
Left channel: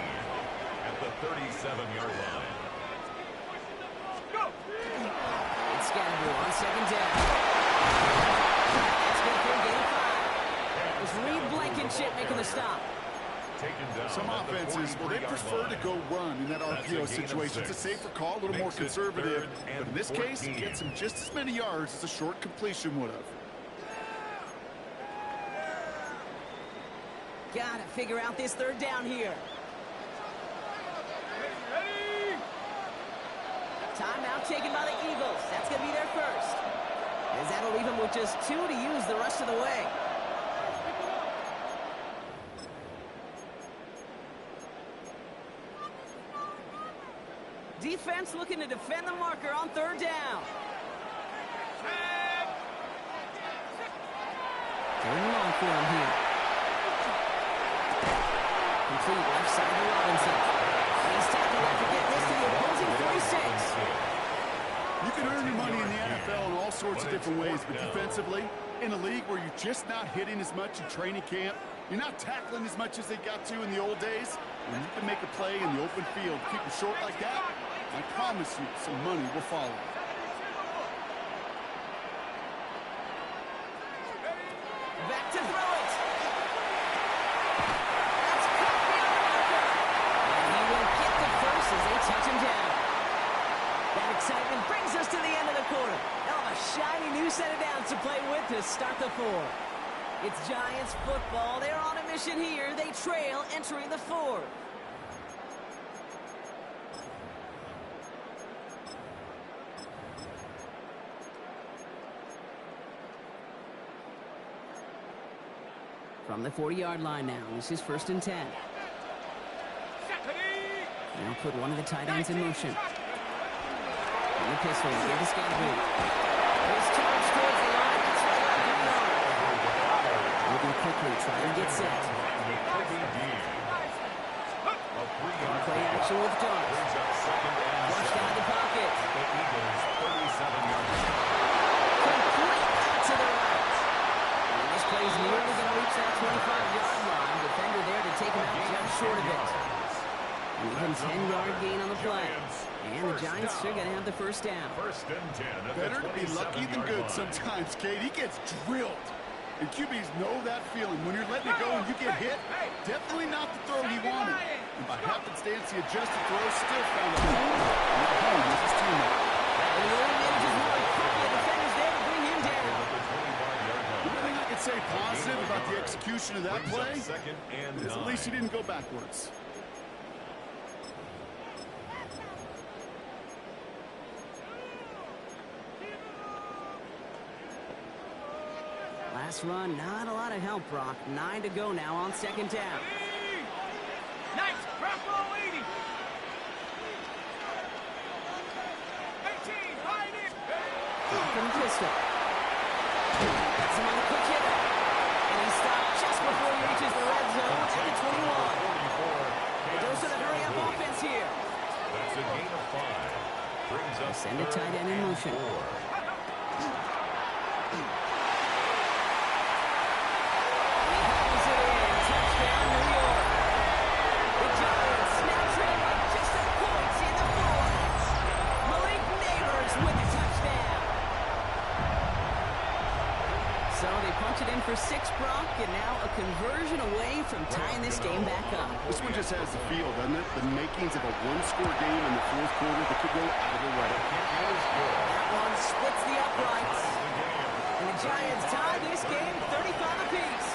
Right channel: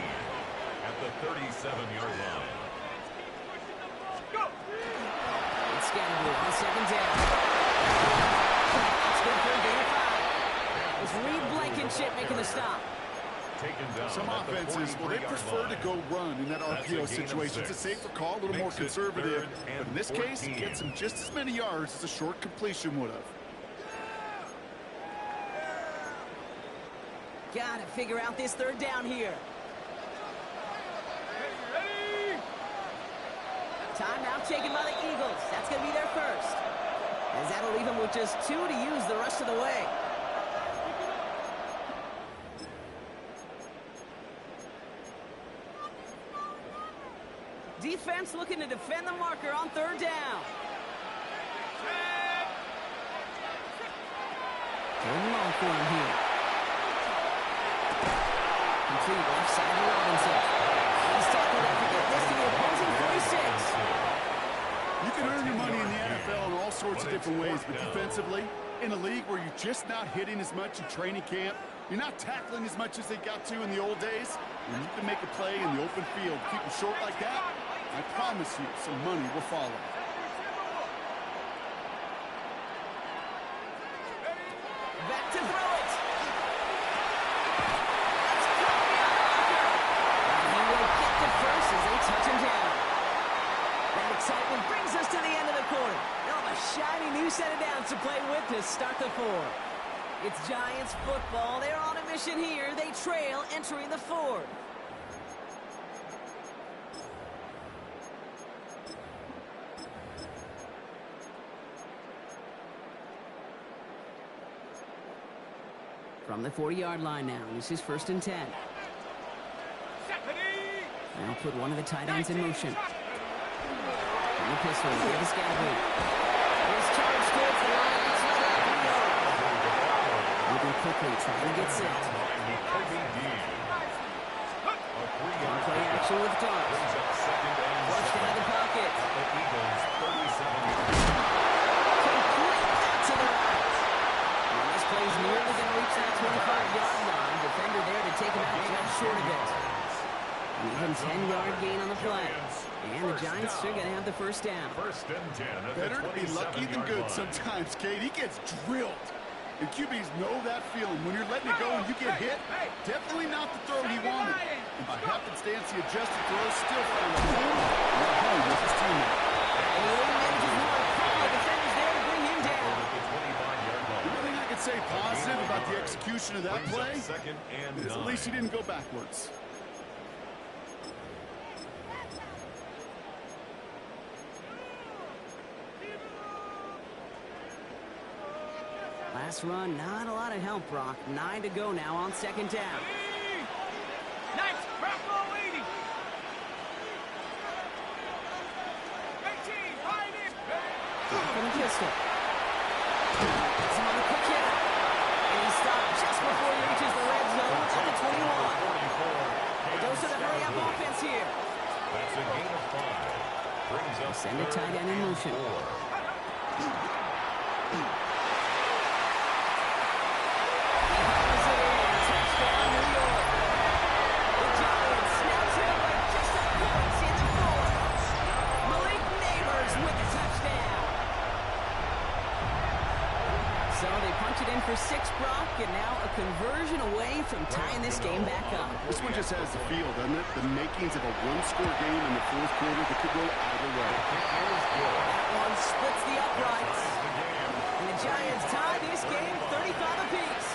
at the 37-yard line. It's Scatterboo on 2nd down. That's good for a gain of 5. It was Reed Blankenship making the stop. Taken down. Some offenses, well, they prefer to go run in that RPO situation. It's a safer call, a little more conservative. But in this case, it gets him just as many yards as a short completion would have. Got to figure out this 3rd down here. Ready? Timeout taken by the Eagles. That's going to be their 1st. As that'll leave them with just 2 to use the rest of the way. Defense looking to defend the marker on 3rd down. 3rd and long for him here. Complete left side to Robinson. He's tackled after getting this to the opposing 46. You can earn your money in the NFL in all sorts of different ways, but defensively, in a league where you're just not hitting as much in training camp, you're not tackling as much as they got to in the old days, when you can make a play in the open field, keep them short like that, I promise you some money will follow. Back to throw it. That's caught beyond the marker. And he will get the 1st as they touch him down. That excitement brings us to the end of the quarter. They'll have a shiny new set of downs to play with to start the 4th. It's Giants football. They're on a mission here. They trail entering the 4th. From the 40-yard line now. This is 1st and 10. Now put one of the tight ends in motion. From the pistol, here to Scatterboo. His charge towards the line. It's right out 3 yards. Moving quickly, trying to get set. Play action with Dart. Flushed out of the pocket. Complete out to the right. And this play's nearly going to reach that 25-yard line. Defender there to take him out just short of it. An even 10-yard gain on the play. And the Giants are going to have the 1st down. 1st and 10 at Better the to be lucky than good sometimes, Kate. He gets drilled. And QBs know that feeling. When you're letting it go and you get hit, definitely not the throw he wanted. And by happenstance, the adjusted throw still found a home. And that home was his teammate. positive about the execution of that play is at least he didn't go backwards. Last run, not a lot of help, Brock. 9 to go now on second down. Nice, Bronco 80. 18, behind it. From pistol. Gets him on the quick hitter. And he stopped just before he reaches the red zone at the 21. A dose of the hurry-up offense here. That's a gain of 5. Brings up Send a tight end in motion. 4. Touchdown, New York. The Giants now trail by just a point in the fourth. Malik Neighbors with the touchdown. So they punch it in for 6, Brock, and now a conversion away from tying this game back up. This one just has the feel, doesn't it? The makings of a one-score game in the fourth quarter that could go either way. That one splits the uprights. And the Giants tie this game 35 apiece.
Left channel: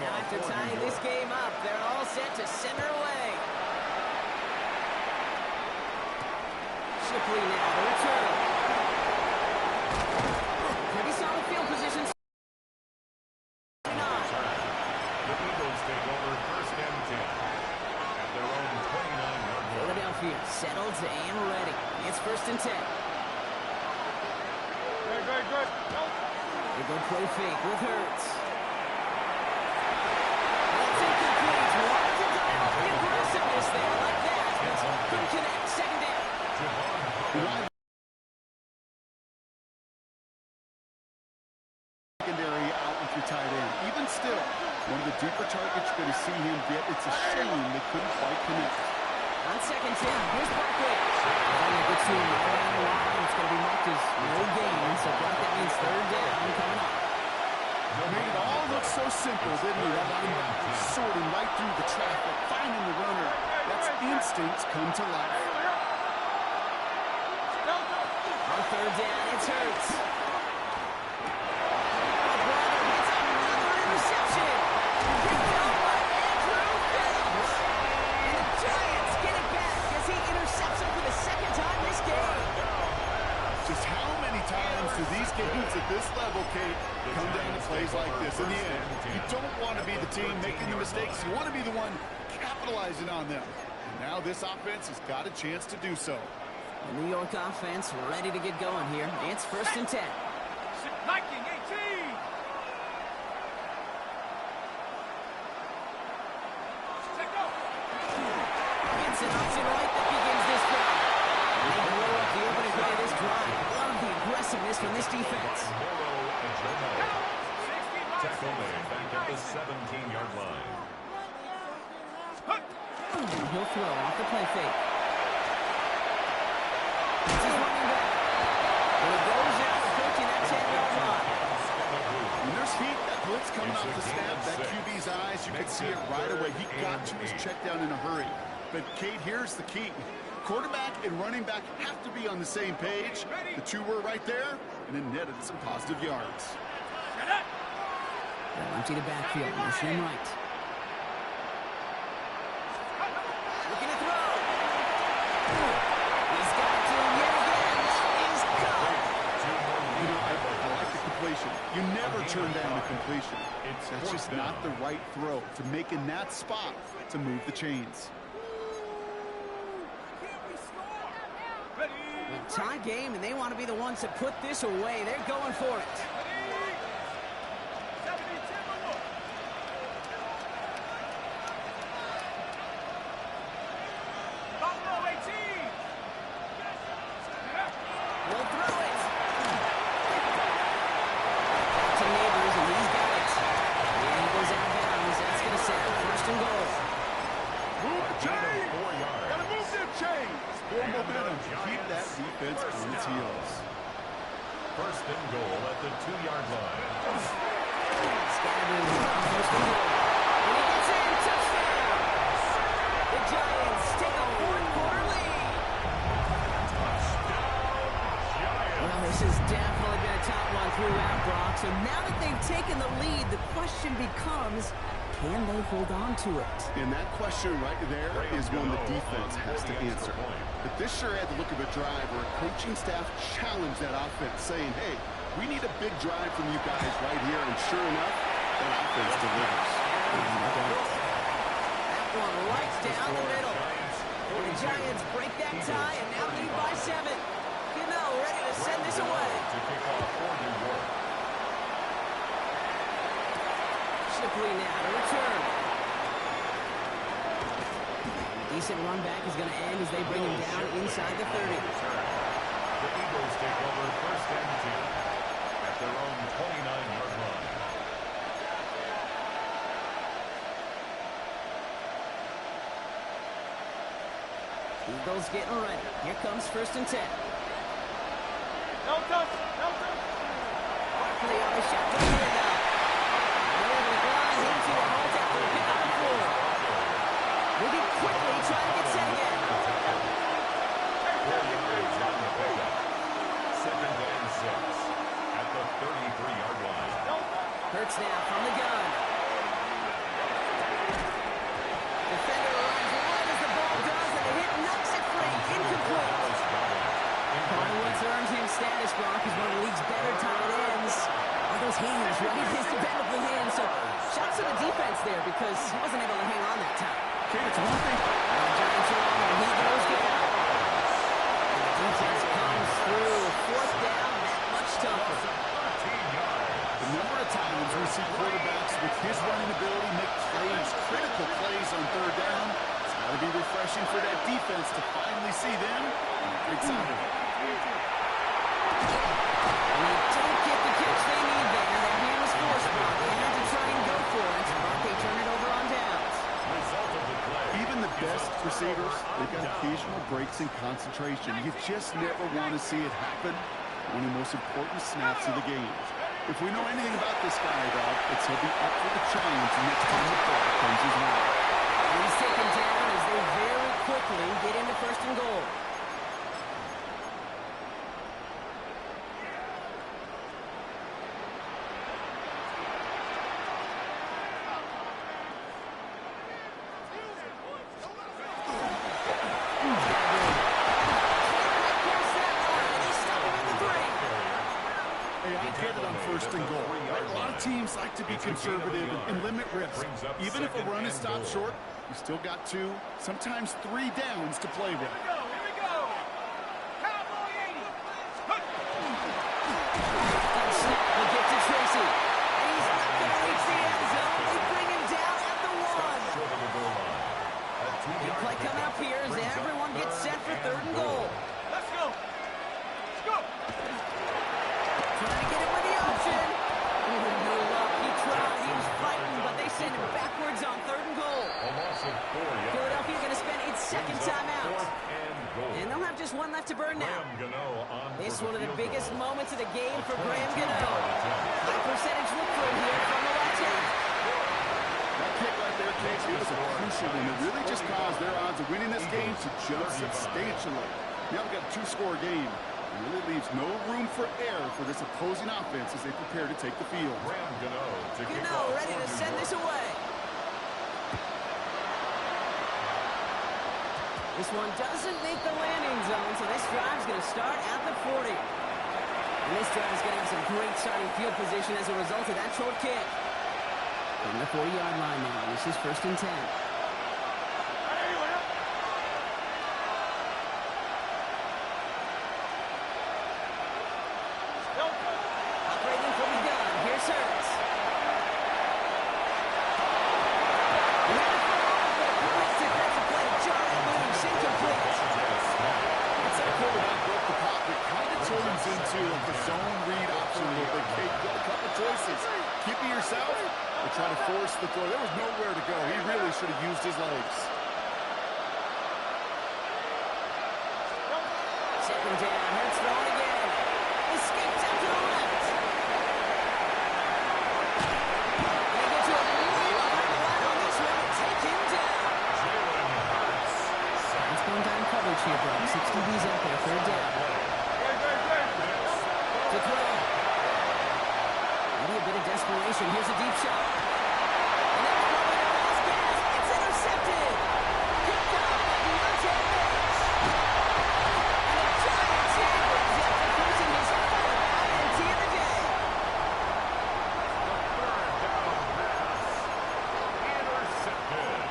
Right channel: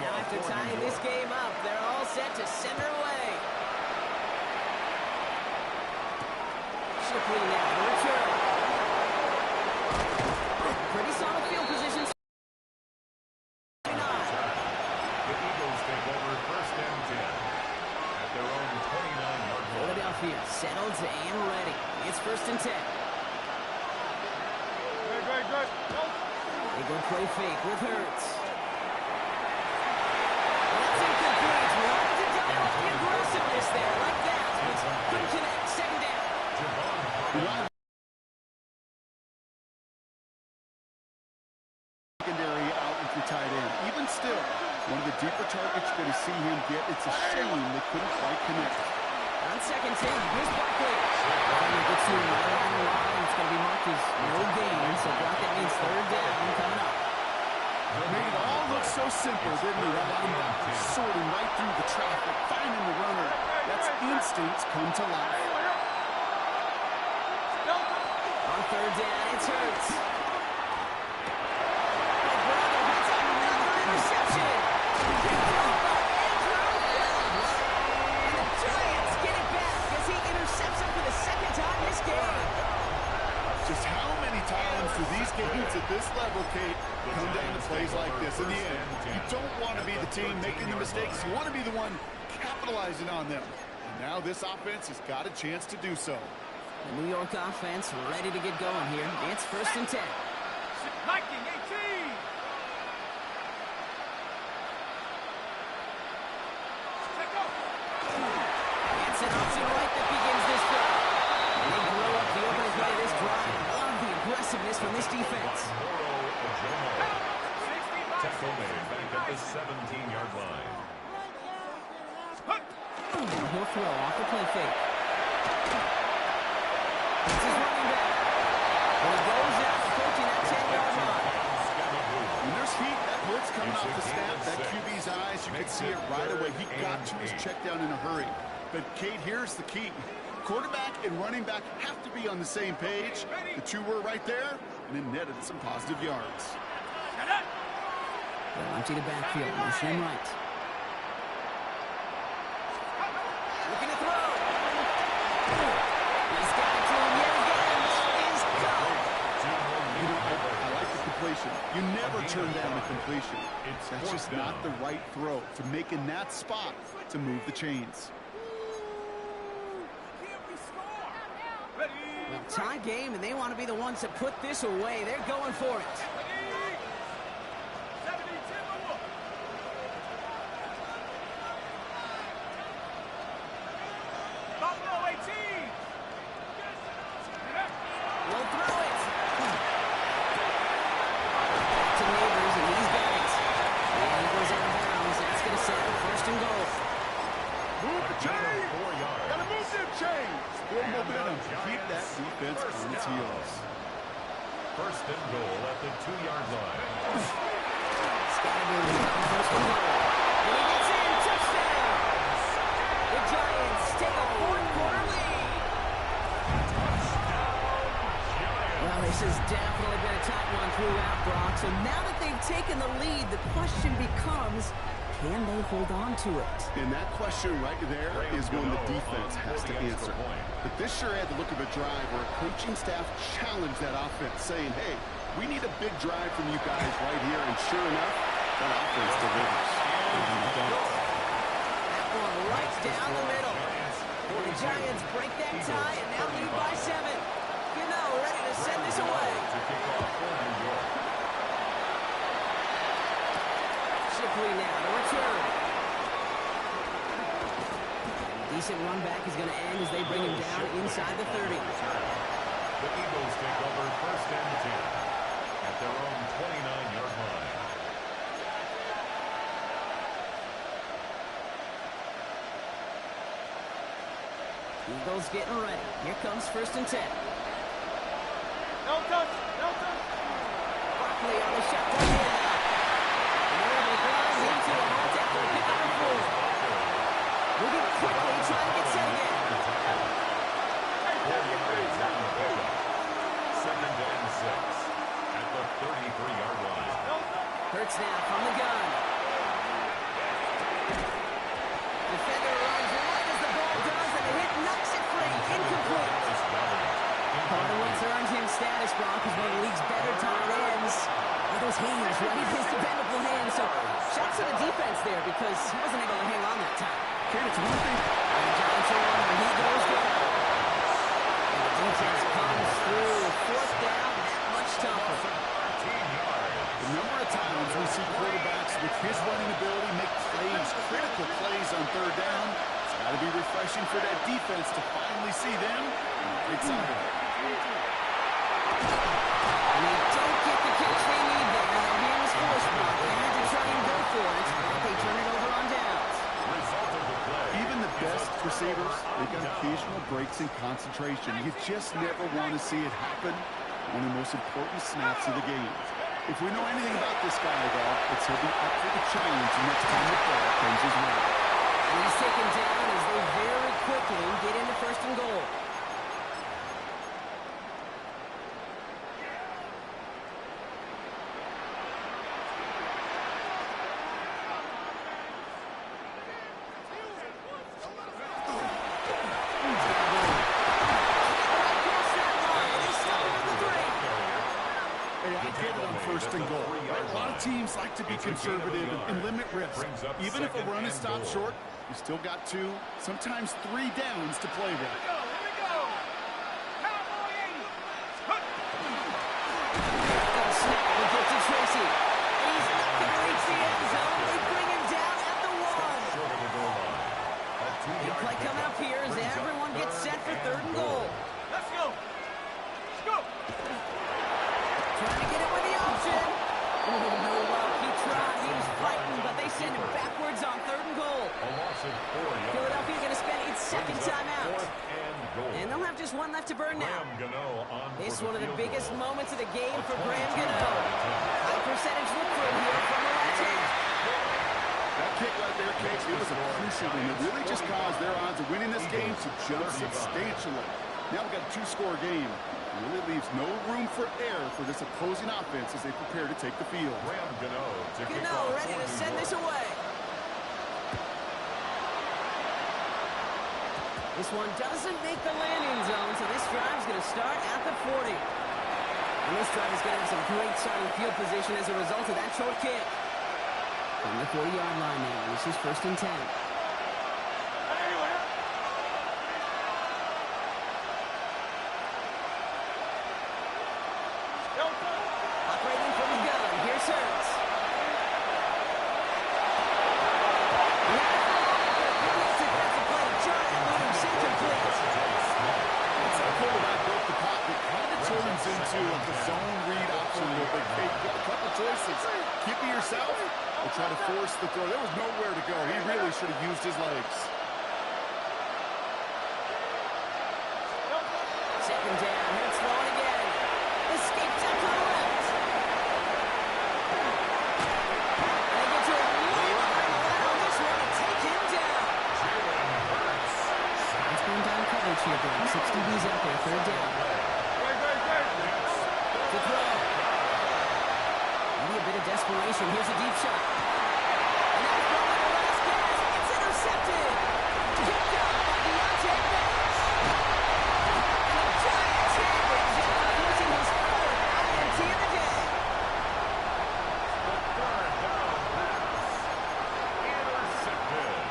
Now after tying this game up, they're all set to send her away. Shipley now to return. Pretty solid field position. The Eagles take over first and 10 at their own 29-yard line. Philadelphia settled and ready. It's first and 10. Good. They go play fake with Hurts. That's incomplete. Wanted to dial up the aggressiveness there like that, but couldn't connect. Second down. Secondary out with your tight end. Even still, one of the deeper targets you're going to see him get. It's a shame they couldn't quite connect. On second 10, here's Barkley. Finally gets to him right around the line. It's going to be marked as no gain, so Brock, that means third down coming up. Made it all look so simple, didn't he? That linebacker sorting right through the traffic, finding the runner. That's instincts come to life. On third down, it's Hurts. Oh, brother, hits another interception. Picked off by Andrew Phillips. And the Giants get it back as he intercepts him for the second time this game. Just how many times do these games at this level, Kate, come down to plays like this? In the end, you don't want to be the team making the mistakes. You want to be the one capitalizing on them. And now this offense has got a chance to do so. The New York offense ready to get going here. It's first and 10. Viking 18. It's an option right that begins this drive. And they blow up the opening play of this drive. Love the aggressiveness from this defense. Tackle made back at the 17-yard line. He'll throw off the play fake. It's his running back. And he goes out approaching that 10-yard line. When there's heat, that blitz coming off the snap, that QB's eyes, you can see it right away. He got to his check down in a hurry. But, Kate, here's the key. Quarterback and running back have to be on the same page. The two were right there, and it netted some positive yards. They'll empty the backfield, motion him right. Looking to throw. He's got it to him yet again. That is caught. You know, I like the completion. You never turn down a completion. That's just not the right throw to make in that spot to move the chains. Well, tie game, and they want to be the ones to put this away. They're going for it. Buffalo 18. We'll throw it. Back to Neighbors, and he's got it. And he goes out of bounds. That's going to set up first and goal. Move the chains. 4 yards. Got to move them chains. More momentum. Keep that defense on its heels. First and goal at the 2-yard line. Scatterbrain on first and goal. And he gets in. Touchdown. The Giants take a fourth-quarter lead. Touchdown. throughout, Brock. So now that they've taken the lead, the question becomes, can they hold on to it? And that question right there is one the defense has to answer. But this sure had the look of a drive where a coaching staff challenged that offense, saying, hey, we need a big drive from you guys right here. And sure enough, that offense delivers. That one right down the middle. And the Giants break that tie and now lead by 7. Gano ready to send this away. To kick off for New York. Shipley now to return. A decent run back is going to end as they bring him down inside the 30. The Eagles take over 1st and 10 at their own 29-yard line. Eagles getting ready. Here comes 1st and 10. No touch, no touch. Barkley on the shotgun handoff. And they're able to grind into a halt after a pick up the 4. Moving quickly, trying to get set again. 40 yards on the pickup. 2nd and 6 at the 33-yard line. Hurts now from the gun. Defender runs right as the ball does, and the hit knocks it free. Incomplete. Part of what's earned him status, Brock, is one of the league's better tight ends. Are those hands, right? His dependable hands. So shots to the defense there because he wasn't able to hang on that time. Okay, it's one thing. And the Giants are on, and he goes down. And the defense comes through. 4th down, that much tougher. 13 yards. The number of times we see quarterbacks with his running ability make plays, critical plays on 3rd down. It's got to be refreshing for that defense to finally see them on the big side of it. And they don't get the catch they need there. That hand was forced, Brock. They had to try and go for it, but they turn it over on downs. Result of the play. Even the best receivers, they've got occasional breaks in concentration. You just never want to see it happen. One of the most important snaps of the game. If we know anything about this guy, though, it's he'll be up for the challenge next time the ball comes his way. And he's taken down as they very quickly get into 1st and goal. On 1st and goal. Right? A lot of teams like to be conservative and limit risk. Even if a run is stopped short, you still got 2, sometimes 3 downs to play with. Here we go. Cowboy 80. Got a snap, we get to Tracy. And he's not going to reach the end zone. They bring him down at the 1. Short of the goal line. Big play coming up here as everyone gets set for 3rd and goal. Let's go. Let's go. Trying to get it with the option. Oh, no luck. He tried. He was fighting, but they send him backwards on 3rd and goal. A loss of 4 yards. Philadelphia's going to spend its 2nd timeout. 4th and goal. And they'll have just one left to burn now. Gano on This is for one of the field biggest goal. moments of the game for Graham 22-yard Gano. attempt. High percentage look for him here from the left hand. That kick right there, Cage, it was a crucial one that really just caused their odds of winning this game to jump substantially. Now we've got a 2-score game. It really leaves no room for error for this opposing offense as they prepare to take the field. Graham Gano to kick Gano off ready for to New send York. this away. This one doesn't make the landing zone, so this drive's going to start at the 40. And this drive is going to have some great starting field position as a result of that short kick. From the 40-yard line now, this is 1st and 10. Operating from the gun, here's Hurts. Great defensive play to Jordan, loose, incomplete. Once that quarterback broke the pocket, kind of turns into like a zone read option a little bit. Kate, you got a couple choices. Keep it yourself or try to force the throw. There was nowhere to go. He really should have used his legs. 2nd down, Hurts throwing again. Escapes out to the left. And they get to him way behind the line on this one and take him down. It's going down coverage here, bro. 6 DBs out there, 3rd down. To throw. desperation. Here's a deep shot. And that's probably their last gasp. It's intercepted. Picked off by Deontay Banks. And the Giants have it after forcing his fourth INT of the day. The third down pass. Intercepted.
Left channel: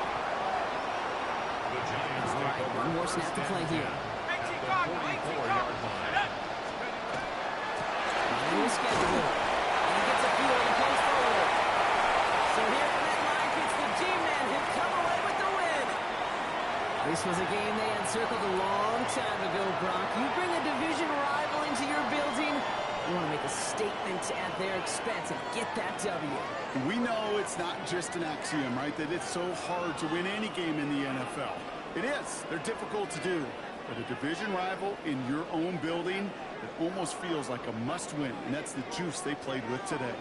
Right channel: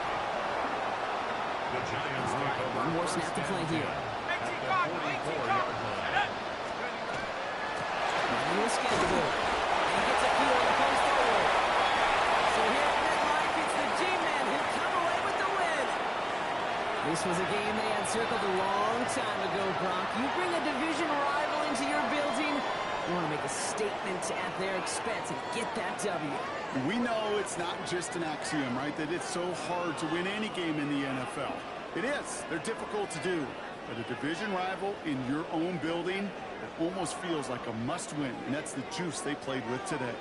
The Giants take over. One more snap to play here. At the 44-yard line. Running the schedule. And he gets a field and comes forward. So here at MetLife, it's the G-men who come away with the win. This was a game they had circled a long time ago, Brock. You bring a division rival into your building, you want to make a statement at their expense and get that W. We know it's not just an axiom, right, that it's so hard to win any game in the NFL. It is. They're difficult to do. But a division rival in your own building, it almost feels like a must-win, and that's the juice they played with today.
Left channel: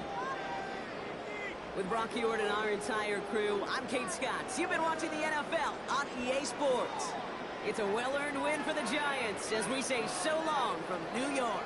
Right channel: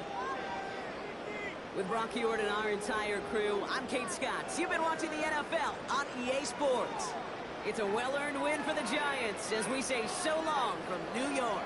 With Brock Heward and our entire crew, I'm Kate Scott. You've been watching the NFL on EA Sports. It's a well-earned win for the Giants as we say so long from New York.